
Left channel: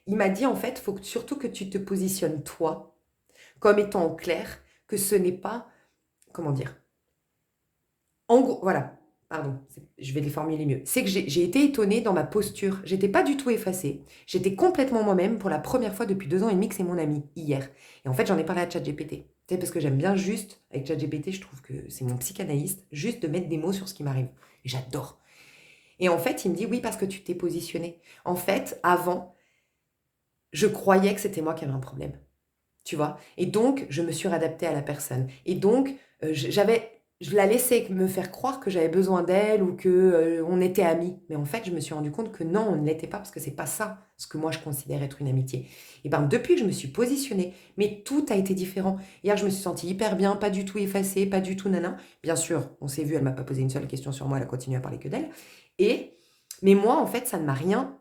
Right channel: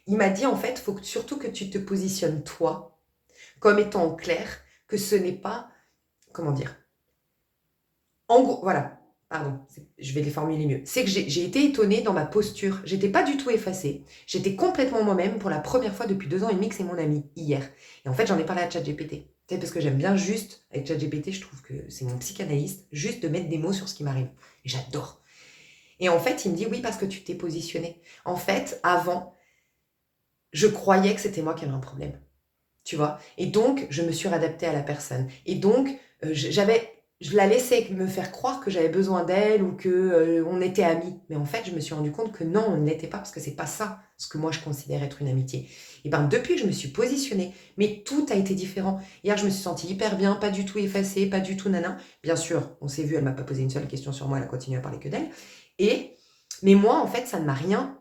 il m'a dit, en fait, il faut surtout que tu te positionnes toi comme étant au clair que ce n'est pas, comment dire, en gros, voilà, pardon, je vais les formuler mieux. C'est que j'ai été étonnée dans ma posture. J'étais pas du tout effacée. J'étais complètement moi-même pour la première fois depuis 2 ans et demi que c'est mon ami, hier. Et en fait, j'en ai parlé à ChatGPT. C'est parce que j'aime bien juste, avec ChatGPT, je trouve que c'est mon psychanalyste, juste de mettre des mots sur ce qui m'arrive. Et j'adore. Et en fait, il me dit, oui, parce que tu t'es positionné. En fait, avant, je croyais que c'était moi qui avais un problème. Tu vois? Et donc, je me suis réadaptée à la personne. Et donc, je la laissais me faire croire que j'avais besoin d'elle ou que on était amis. Mais en fait, je me suis rendu compte que non, on ne l'était pas parce que c'est pas ça ce que moi je considère être une amitié. Et ben depuis que je me suis positionnée, mais tout a été différent. Hier, je me suis sentie hyper bien, pas du tout effacée, pas du tout nana. Bien sûr, on s'est vu, elle m'a pas posé une seule question sur moi, elle a continué à parler que d'elle. Et mais moi, en fait, ça ne m'a rien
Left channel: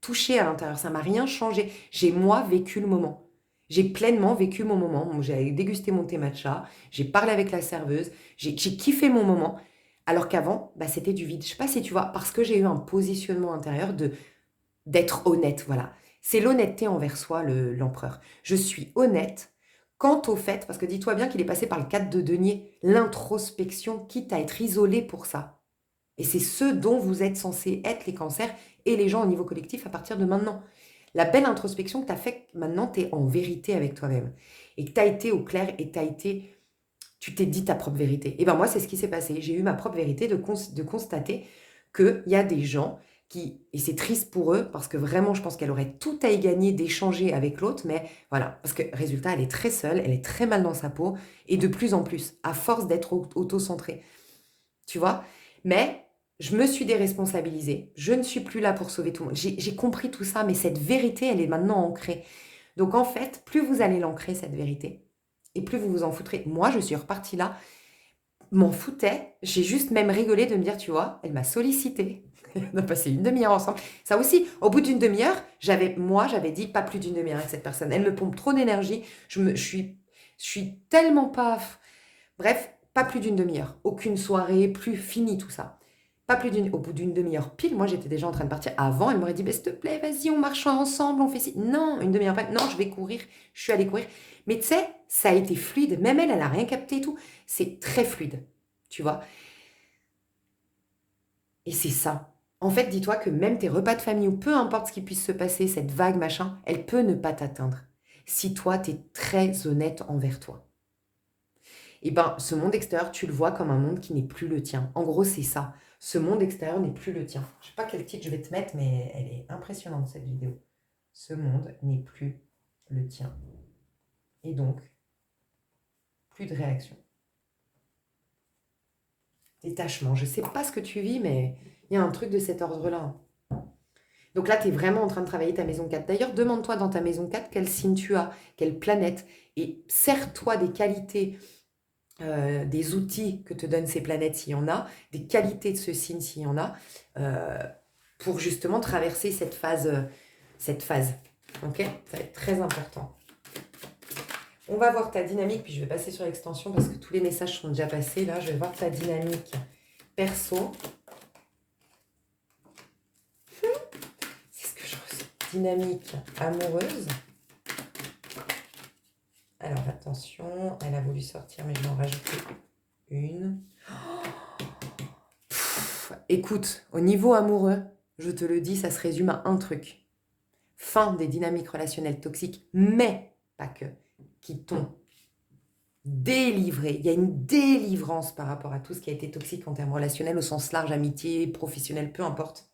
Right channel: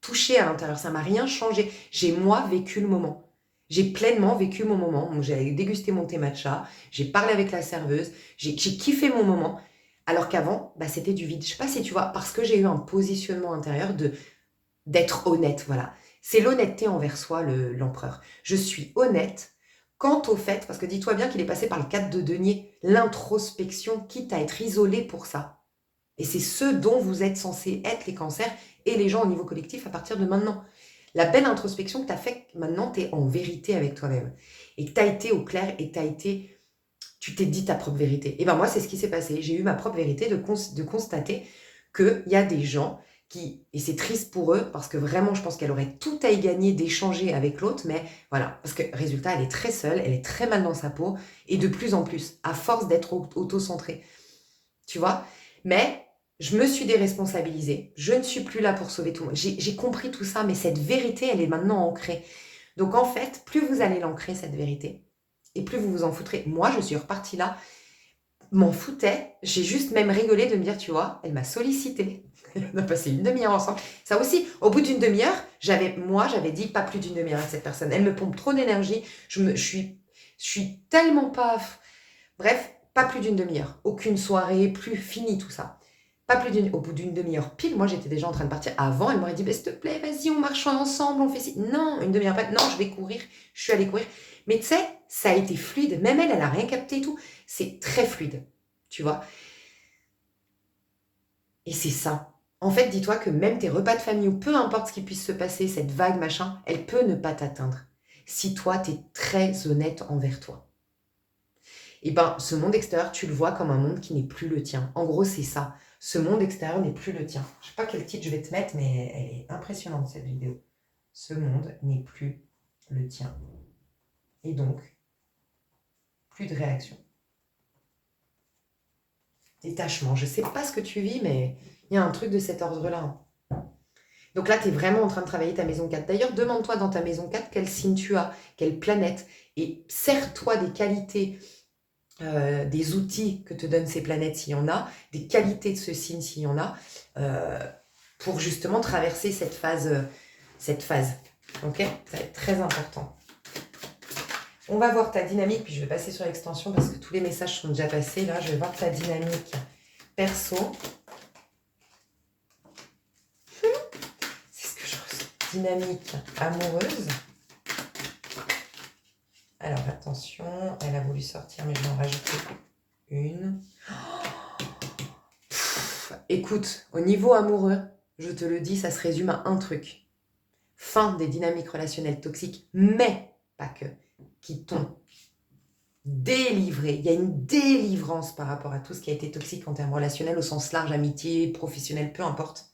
touché à l'intérieur, ça m'a rien changé. J'ai moi vécu le moment. J'ai pleinement vécu mon moment. J'ai dégusté mon thé matcha, j'ai parlé avec la serveuse, j'ai kiffé mon moment. Alors qu'avant, bah, c'était du vide. Je sais pas si tu vois, parce que j'ai eu un positionnement intérieur d'être honnête, voilà. C'est l'honnêteté envers soi, l'empereur. Je suis honnête quant au fait, parce que dis-toi bien qu'il est passé par le cadre de denier, l'introspection, quitte à être isolé pour ça. Et c'est ce dont vous êtes censés être les cancers et les gens au niveau collectif à partir de maintenant. La belle introspection que tu as faite, maintenant, tu es en vérité avec toi-même. Et que tu as été au clair et tu t'es dit ta propre vérité. Et ben moi, c'est ce qui s'est passé. J'ai eu ma propre vérité de constater qu'il y a des gens qui, et c'est triste pour eux, parce que vraiment, je pense qu'elle aurait tout à y gagner d'échanger avec l'autre, mais voilà, parce que résultat, elle est très seule, elle est très mal dans sa peau, et de plus en plus, à force d'être auto-centrée. Tu vois? Mais je me suis déresponsabilisée. Je ne suis plus là pour sauver tout le monde. J'ai compris tout ça, mais cette vérité, elle est maintenant ancrée. Donc en fait, plus vous allez l'ancrer, cette vérité, et plus vous vous en foutrez. Moi, je suis repartie là, m'en foutais. J'ai juste même rigolé de me dire, tu vois, elle m'a sollicité. On a passé une demi-heure ensemble. Ça aussi, au bout d'une demi-heure, j'avais dit pas plus d'une demi-heure avec cette personne. Elle me pompe trop d'énergie. Je suis tellement pas. Bref, pas plus d'une demi-heure. Aucune soirée, plus fini tout ça. Pas plus au bout d'une demi-heure pile, moi j'étais déjà en train de partir. Avant, elle m'aurait dit, bah, s'il te plaît, vas-y, on marche ensemble, on fait ci. Non, une demi-heure après, non, je vais courir, je suis allée courir. Mais tu sais, ça a été fluide. Même elle n'a rien capté et tout. C'est très fluide, tu vois. Et c'est ça. En fait, dis-toi que même tes repas de famille, ou peu importe ce qui puisse se passer, cette vague, machin, elle peut ne pas t'atteindre. Si toi, tu es très honnête envers toi. Et ben, ce monde extérieur, tu le vois comme un monde qui n'est plus le tien. En gros, c'est ça. Ce monde extérieur n'est plus le tien. Je sais pas quel titre je vais te mettre, mais elle est impressionnante, cette vidéo. Ce monde n'est plus le tien. Et donc, plus de réaction. Détachement. Je sais pas ce que tu vis, mais il y a un truc de cet ordre-là, hein. Donc là, tu es vraiment en train de travailler ta maison 4. D'ailleurs, demande-toi dans ta maison 4 quel signe tu as, quelle planète, et sers-toi des qualités, des outils que te donnent ces planètes s'il y en a, des qualités de ce signe s'il y en a, euh, pour justement traverser cette phase. Ok? Ça va être très important. On va voir ta dynamique, puis je vais passer sur l'extension parce que tous les messages sont déjà passés. Là, je vais voir ta dynamique perso. C'est ce que je ressens. Dynamique amoureuse. Alors, attention, elle a voulu sortir, mais je vais en rajouter une. Écoute, au niveau amoureux, je te le dis, ça se résume à un truc. Fin des dynamiques relationnelles toxiques, mais pas que, qui t'ont délivré. Il y a une délivrance par rapport à tout ce qui a été toxique en termes relationnels, au sens large, amitié, professionnel, peu importe.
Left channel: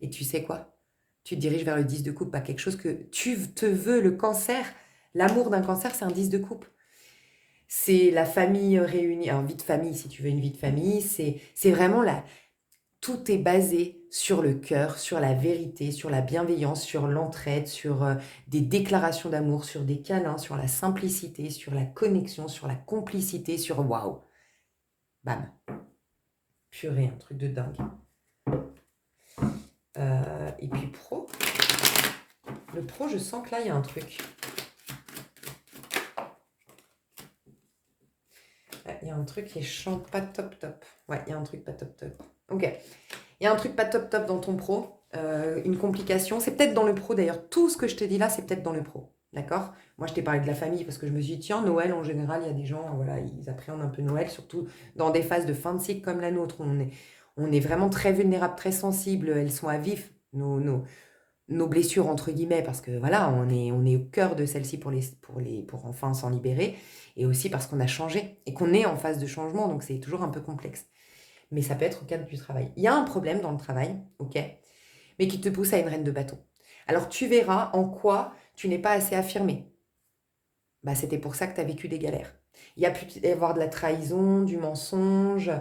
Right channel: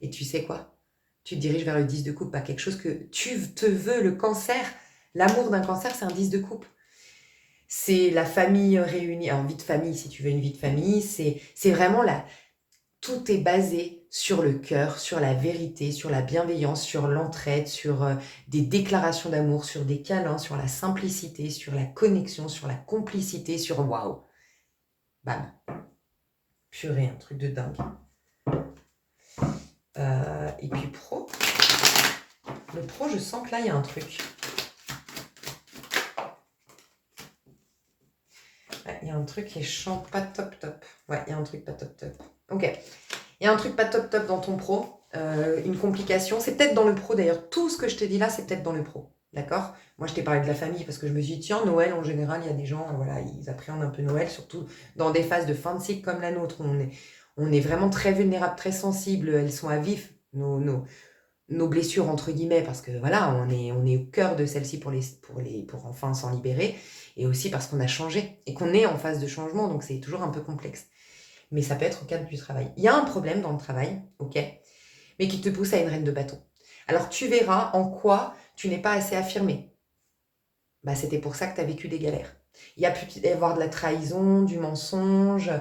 Et tu sais quoi? Tu te diriges vers le 10 de coupe, pas quelque chose que tu te veux, le cancer. L'amour d'un cancer, c'est un 10 de coupe. C'est la famille réunie, en vie de famille, si tu veux une vie de famille, c'est vraiment la... Tout est basé sur le cœur, sur la vérité, sur la bienveillance, sur l'entraide, sur des déclarations d'amour, sur des câlins, sur la simplicité, sur la connexion, sur la complicité, sur waouh. Bam. Purée, un truc de dingue. Et puis pro. Le pro, je sens que là, il y a un truc. Ouais, il y a un truc qui est pas top top. Ouais, il y a un truc pas top top. Ok. Il y a un truc pas top top dans ton pro. Une complication. C'est peut-être dans le pro d'ailleurs. Tout ce que je te dis là, c'est peut-être dans le pro. D'accord? Moi, je t'ai parlé de la famille parce que je me suis dit, tiens, Noël, en général, il y a des gens, voilà, ils appréhendent un peu Noël, surtout dans des phases de fin de cycle comme la nôtre, où on est vraiment très vulnérable, très sensible. Elles sont à vif, nos blessures, entre guillemets, parce que voilà, on est au cœur de celles-ci pour enfin s'en libérer, et aussi parce qu'on a changé et qu'on est en phase de changement, donc c'est toujours un peu complexe. Mais ça peut être au cadre du travail. Il y a un problème dans le travail, ok, mais qui te pousse à une reine de bâton. Alors tu verras en quoi tu n'es pas assez affirmé. Bah, c'était pour ça que tu as vécu des galères. Il y a pu y avoir de la trahison, du mensonge,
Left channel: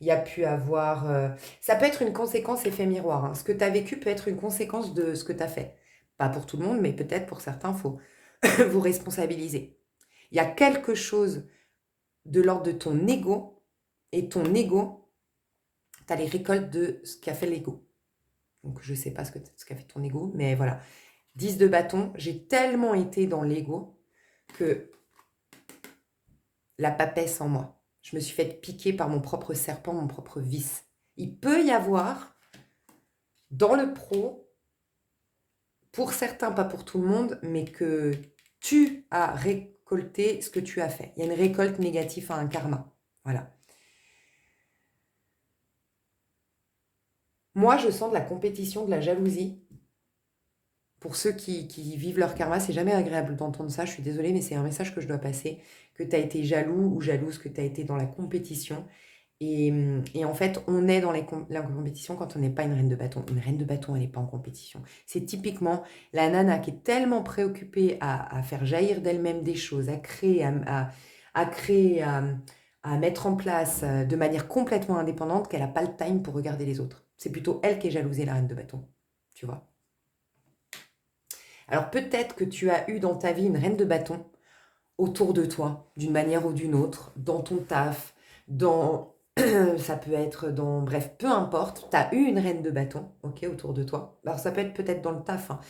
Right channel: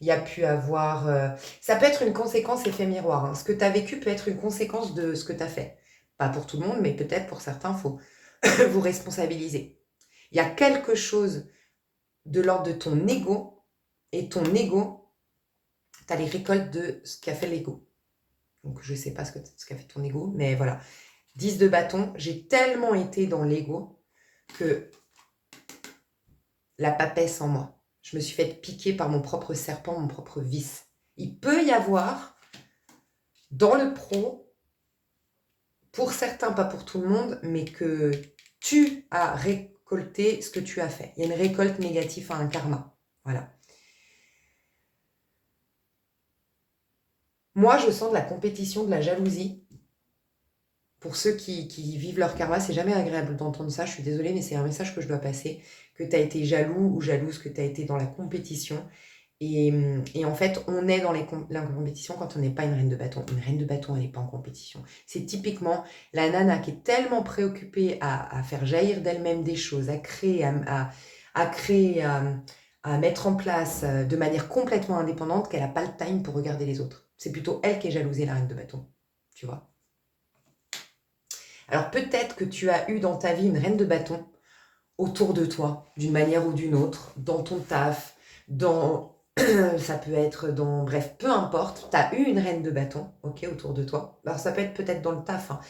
il y a pu avoir... Ça peut être une conséquence effet miroir, hein. Ce que tu as vécu peut être une conséquence de ce que tu as fait. Pas pour tout le monde, mais peut-être pour certains, il faut vous responsabiliser. Il y a quelque chose de l'ordre de ton ego, et ton ego, tu as les récoltes de ce qu'a fait l'ego. Donc je ne sais pas ce qu'a fait ton ego, mais voilà. 10 de bâton, j'ai tellement été dans l'ego que la papesse en moi. Je me suis fait piquer par mon propre serpent, mon propre vice. Il peut y avoir, dans le pro, pour certains, pas pour tout le monde, mais que tu as récolté ce que tu as fait. Il y a une récolte négative à un karma. Voilà. Moi, je sens de la compétition, de la jalousie. Pour ceux qui vivent leur karma, c'est jamais agréable d'entendre ça. Je suis désolée, mais c'est un message que je dois passer. Que tu as été jaloux ou jalouse, que tu as été dans la compétition. Et en fait, on est dans la compétition quand on n'est pas une reine de bâton. Une reine de bâton, elle n'est pas en compétition. C'est typiquement la nana qui est tellement préoccupée à faire jaillir d'elle-même des choses, à créer, à créer, à mettre en place de manière complètement indépendante qu'elle n'a pas le time pour regarder les autres. C'est plutôt elle qui est jalousée, la reine de bâton. Tu vois? Alors peut-être que tu as eu dans ta vie une reine de bâton autour de toi, d'une manière ou d'une autre, dans ton taf, dans ça peut être dans... Bref, peu importe, tu as eu une reine de bâton, ok, autour de toi. Alors ça peut être peut-être dans le taf, hein.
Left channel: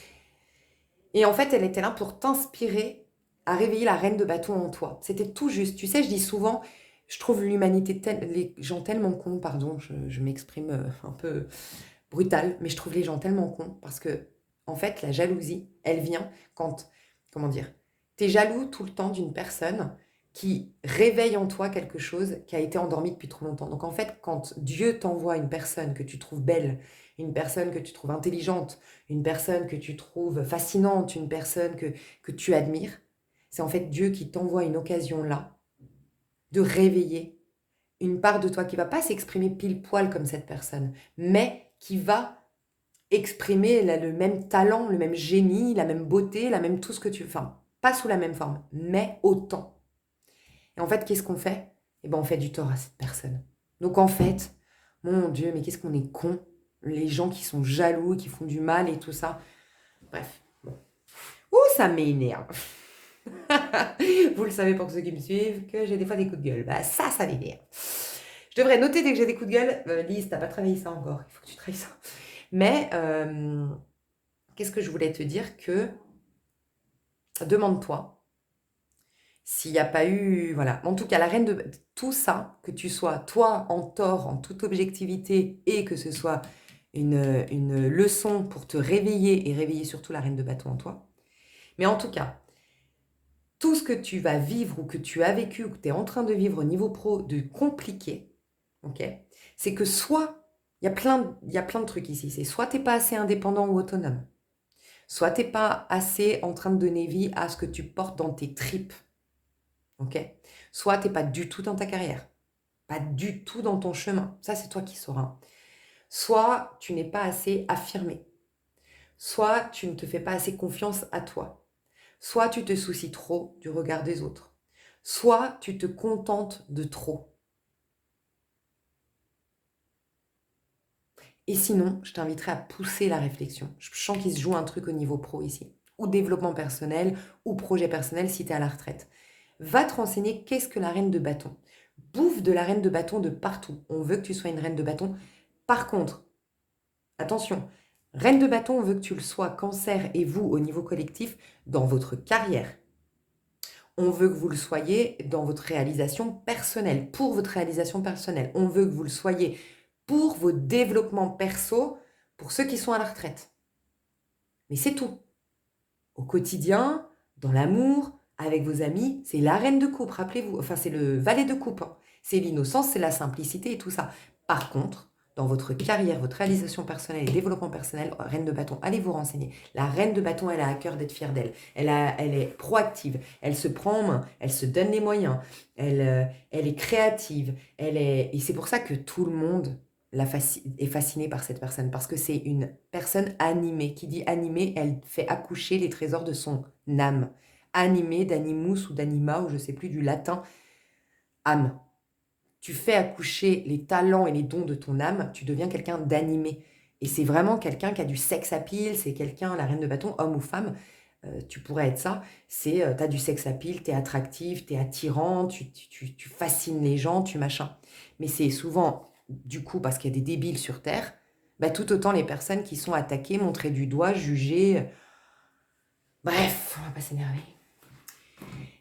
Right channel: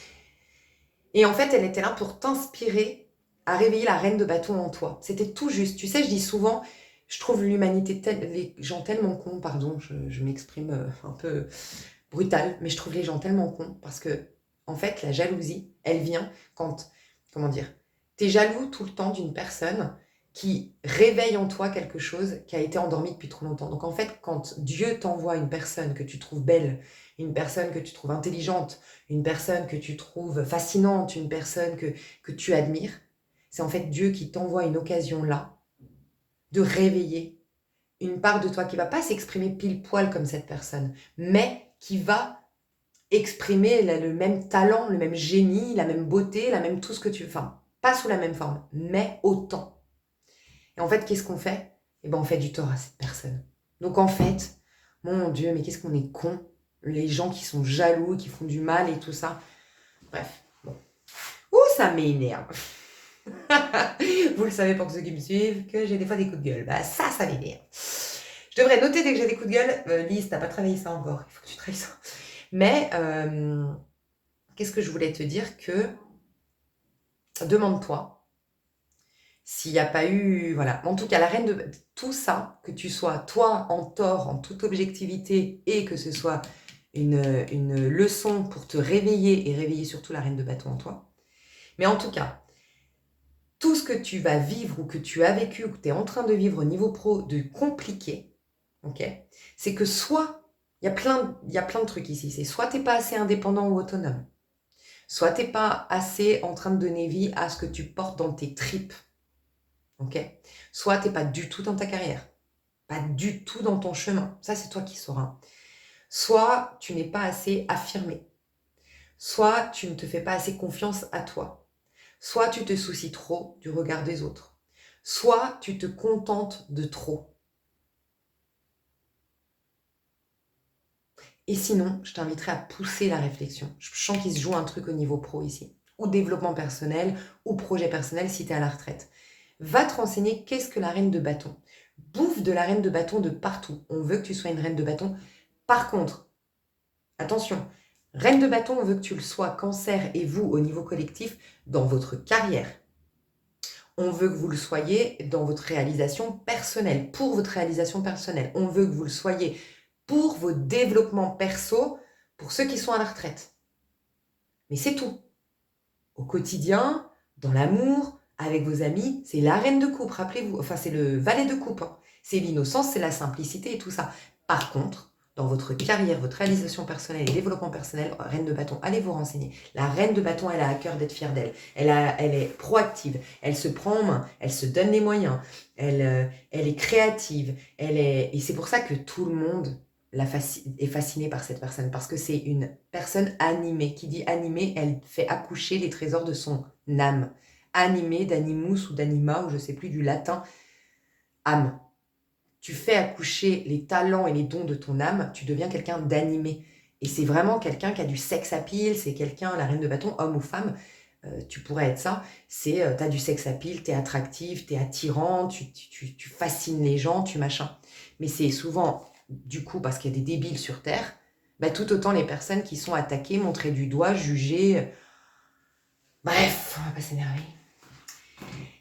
Et en fait, elle était là pour t'inspirer à réveiller la reine de bâton en toi. C'était tout juste. Tu sais, je dis souvent, je trouve l'humanité, les gens tellement cons, pardon, je m'exprime un peu brutal, mais je trouve les gens tellement cons parce que, en fait, la jalousie, elle vient quand, comment dire, t'es jaloux tout le temps d'une personne qui réveille en toi quelque chose qui a été endormi depuis trop longtemps. Donc, en fait, quand Dieu t'envoie une personne que tu trouves belle, une personne que tu trouves intelligente, une personne que tu trouves fascinante, une personne que tu admires, c'est en fait Dieu qui t'envoie une occasion là de réveiller une part de toi qui va pas s'exprimer pile poil comme cette personne, mais qui va exprimer le même talent, le même génie, la même beauté, la même tout ce que tu veux. Enfin, pas sous la même forme, mais autant. Et en fait, qu'est-ce qu'on fait? Eh ben, on fait du tort à cette personne. Donc en fait, mon Dieu, mais qu'est-ce qu'on est con, les gens qui sont jaloux, qui font du mal et tout ça. Bref, bon. Ouh, ça m'énerve. Vous le savez pour ceux qui me suivent, que j'ai des fois des coups de gueule. Bah ça m'énerve. Je devrais noter dès que j'ai des coups de gueule. Lise, t'as pas travaillé ça encore. Il faut que tu travailles ça. Mais qu'est-ce que je voulais te dire que demande-toi s'il n'y a pas eu, voilà, en tout cas la reine de tout ça, que tu sois toi en tort, en toute objectivité, et que ce soit une leçon pour te réveiller et réveiller surtout la reine de bâton en toi. Mais en tout cas, tout ce que tu vas vivre ou que tu as vécu ou que tu es en train de vivre au niveau pro de compliqué, ok, c'est que soit, il y a plein de trucs ici, c'est soit tu n'es pas assez indépendant ou autonome, soit tu n'es pas assez en train de donner vie à ce que tu portes dans tes tripes, ok, soit tu n'es pas du tout dans ta carrière, pas du tout dans ton chemin, ça c'est toi qui sauras. Soit tu n'es pas assez affirmé, soit tu ne te fais pas assez confiance à toi, soit tu te soucies trop du regard des autres, soit tu te contentes de trop. Et sinon, je t'inviterai à pousser la réflexion. Je sens qu'il se joue un truc au niveau pro ici, ou développement personnel, ou projet personnel si tu es à la retraite. Va te renseigner qu'est-ce que la reine de bâton. Bouffe de la reine de bâton de partout. On veut que tu sois une reine de bâton. Par contre, attention, reine de bâton, on veut que tu le sois, cancer et vous au niveau collectif, dans votre carrière. On veut que vous le soyez dans votre réalisation personnelle, pour votre réalisation personnelle. On veut que vous le soyez pour vos développements perso, pour ceux qui sont à la retraite. Mais c'est tout. Au quotidien, dans l'amour, avec vos amis, c'est la reine de coupe, rappelez-vous. Enfin, c'est le valet de coupe. C'est l'innocence, c'est la simplicité et tout ça. Par contre, dans votre carrière, votre réalisation personnelle et développement personnel, reine de bâton, allez vous renseigner. La reine de bâton, elle a à cœur d'être fière d'elle. Elle est proactive, elle se prend en main, elle se donne les moyens, elle est créative, et c'est pour ça que tout le monde est fasciné par cette personne, parce que c'est une personne animée. Qui dit animée, elle fait accoucher les trésors de son âme. Animée d'animus ou d'anima, ou je ne sais plus, du latin, âme. Tu fais accoucher les talents et les dons de ton âme, tu deviens quelqu'un d'animé. Et c'est vraiment quelqu'un qui a du sex appeal, c'est quelqu'un, la reine de bâton, homme ou femme, tu pourrais être ça, c'est tu as du sex appeal, tu es attractif, tu es attirant, tu fascines les gens, tu machin. Mais c'est souvent, du coup, parce qu'il y a des débiles sur Terre, bah, tout autant les personnes qui sont attaquées, montrées du doigt, jugées. Bref, on va pas s'énerver.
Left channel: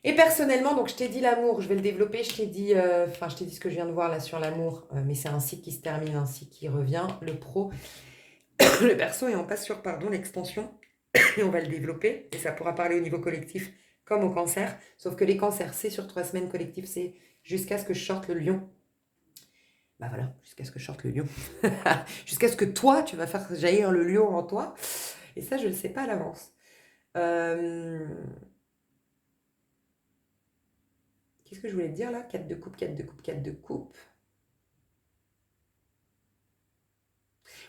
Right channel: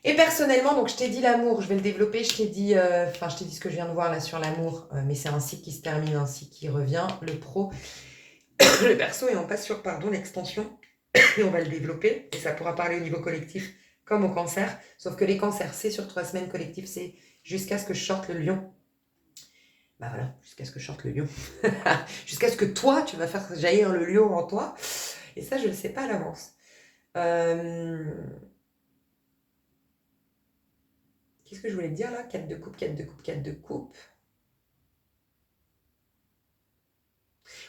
Et personnellement, donc je t'ai dit l'amour, je vais le développer, je t'ai dit ce que je viens de voir là sur l'amour, mais c'est un cycle qui se termine, un cycle qui revient, le pro, le perso, et on passe sur, l'extension, et on va le développer, et ça pourra parler au niveau collectif comme au cancer, sauf que les cancers, c'est sur 3 semaines collectif, c'est jusqu'à ce que je sorte le lion. Bah voilà, jusqu'à ce que je sorte le lion. Jusqu'à ce que toi, tu vas faire jaillir le lion en toi, et ça, je ne le sais pas à l'avance. Qu'est-ce que je voulais te dire là? 4 de coupe, 4 de coupe, 4 de coupe.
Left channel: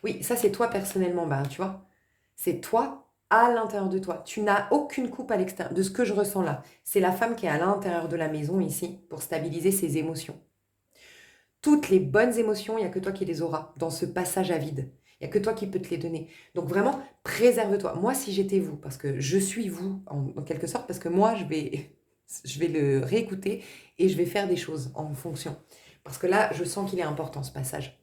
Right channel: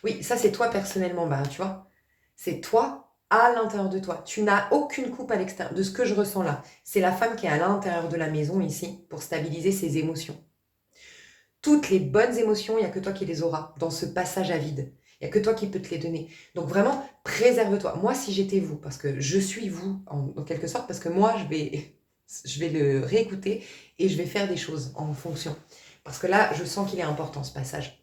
Oui, ça c'est toi personnellement, bah, tu vois. C'est toi à l'intérieur de toi. Tu n'as aucune coupe à l'extérieur de ce que je ressens là. C'est la femme qui est à l'intérieur de la maison ici pour stabiliser ses émotions. Toutes les bonnes émotions, il n'y a que toi qui les auras dans ce passage à vide. Il n'y a que toi qui peux te les donner. Donc vraiment, préserve-toi. Moi, si j'étais vous, parce que je suis vous en quelque sorte, parce que moi, je vais le réécouter et je vais faire des choses en fonction. Parce que là, je sens qu'il est important ce passage.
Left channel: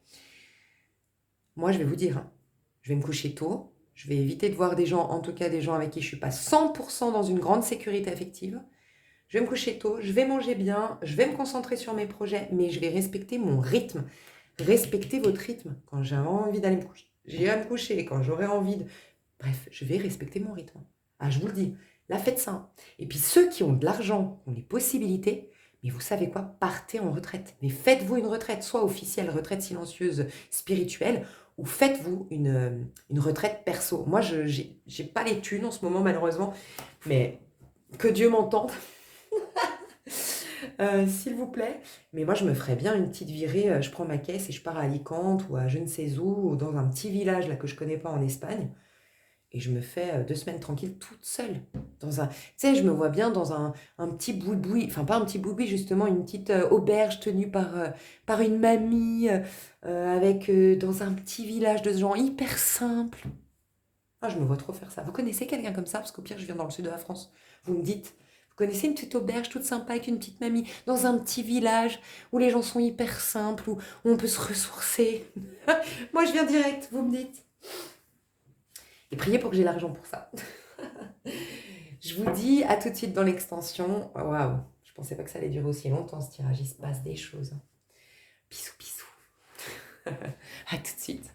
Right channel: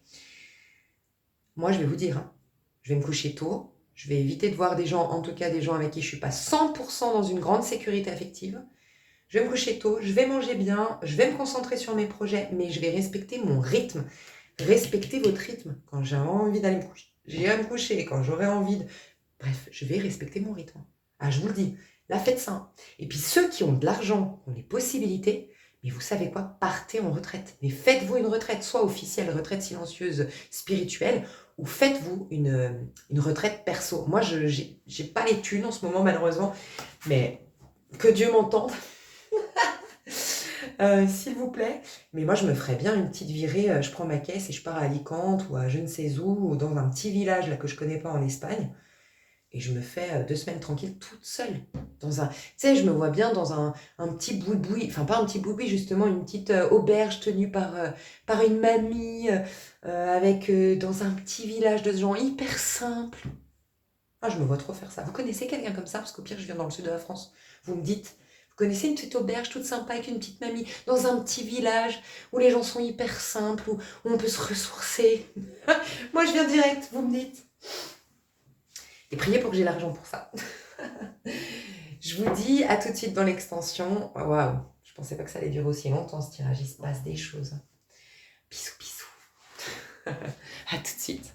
Moi, je vais vous dire, hein, je vais me coucher tôt, je vais éviter de voir des gens, en tout cas des gens avec qui je ne suis pas 100% dans une grande sécurité affective. Je vais me coucher tôt, je vais manger bien, je vais me concentrer sur mes projets, mais je vais respecter mon rythme. Respectez votre rythme. Quand j'ai envie d'aller me coucher, j'ai à me coucher. Quand j'aurai envie de... Bref, je vais respecter mon rythme. Ah, je vous le dis, la faites ça. Et puis ceux qui ont de l'argent, qui ont les possibilités, mais vous savez quoi, partez en retraite. Mais faites-vous une retraite, soit officielle, retraite silencieuse, spirituelle, ou faites-vous une retraite perso. Moi, je n'ai pas les thunes en ce moment, malheureusement, mais que Dieu m'entende. S'il vous plaît. Mais moi, je me ferais bien une petite virée. Je prends ma caisse et je pars à Alicante ou à je ne sais où, ou dans un petit village là, que je connais pas en Espagne. Et je me fais 2 semaines tranquilles toute seule. Tu sais, je me vois bien dans un petit boui-boui, enfin pas un petit boui-boui, justement, une petite auberge tenue par une mamie, dans un petit village de gens hyper simples. Ah, je me vois trop faire ça. Vous connaissez quelqu'un comme ça? Parce qu'au pire, je viens dans le sud de la France. Vous me dites, vous connaissez une petite auberge toute sympa avec une petite mamie dans un petit village où les gens sont hyper simples, où on peut se ressourcer? Moi, je viens direct, vous me dites. Et priez pour que j'ai l'argent pour ça. Je vous dis à tout de suite dans l'extension. Oh, waouh, je pensais pas que ça allait durer aussi longtemps ce tirage. Il se passe des choses. Bisous, bisous. À tout de suite.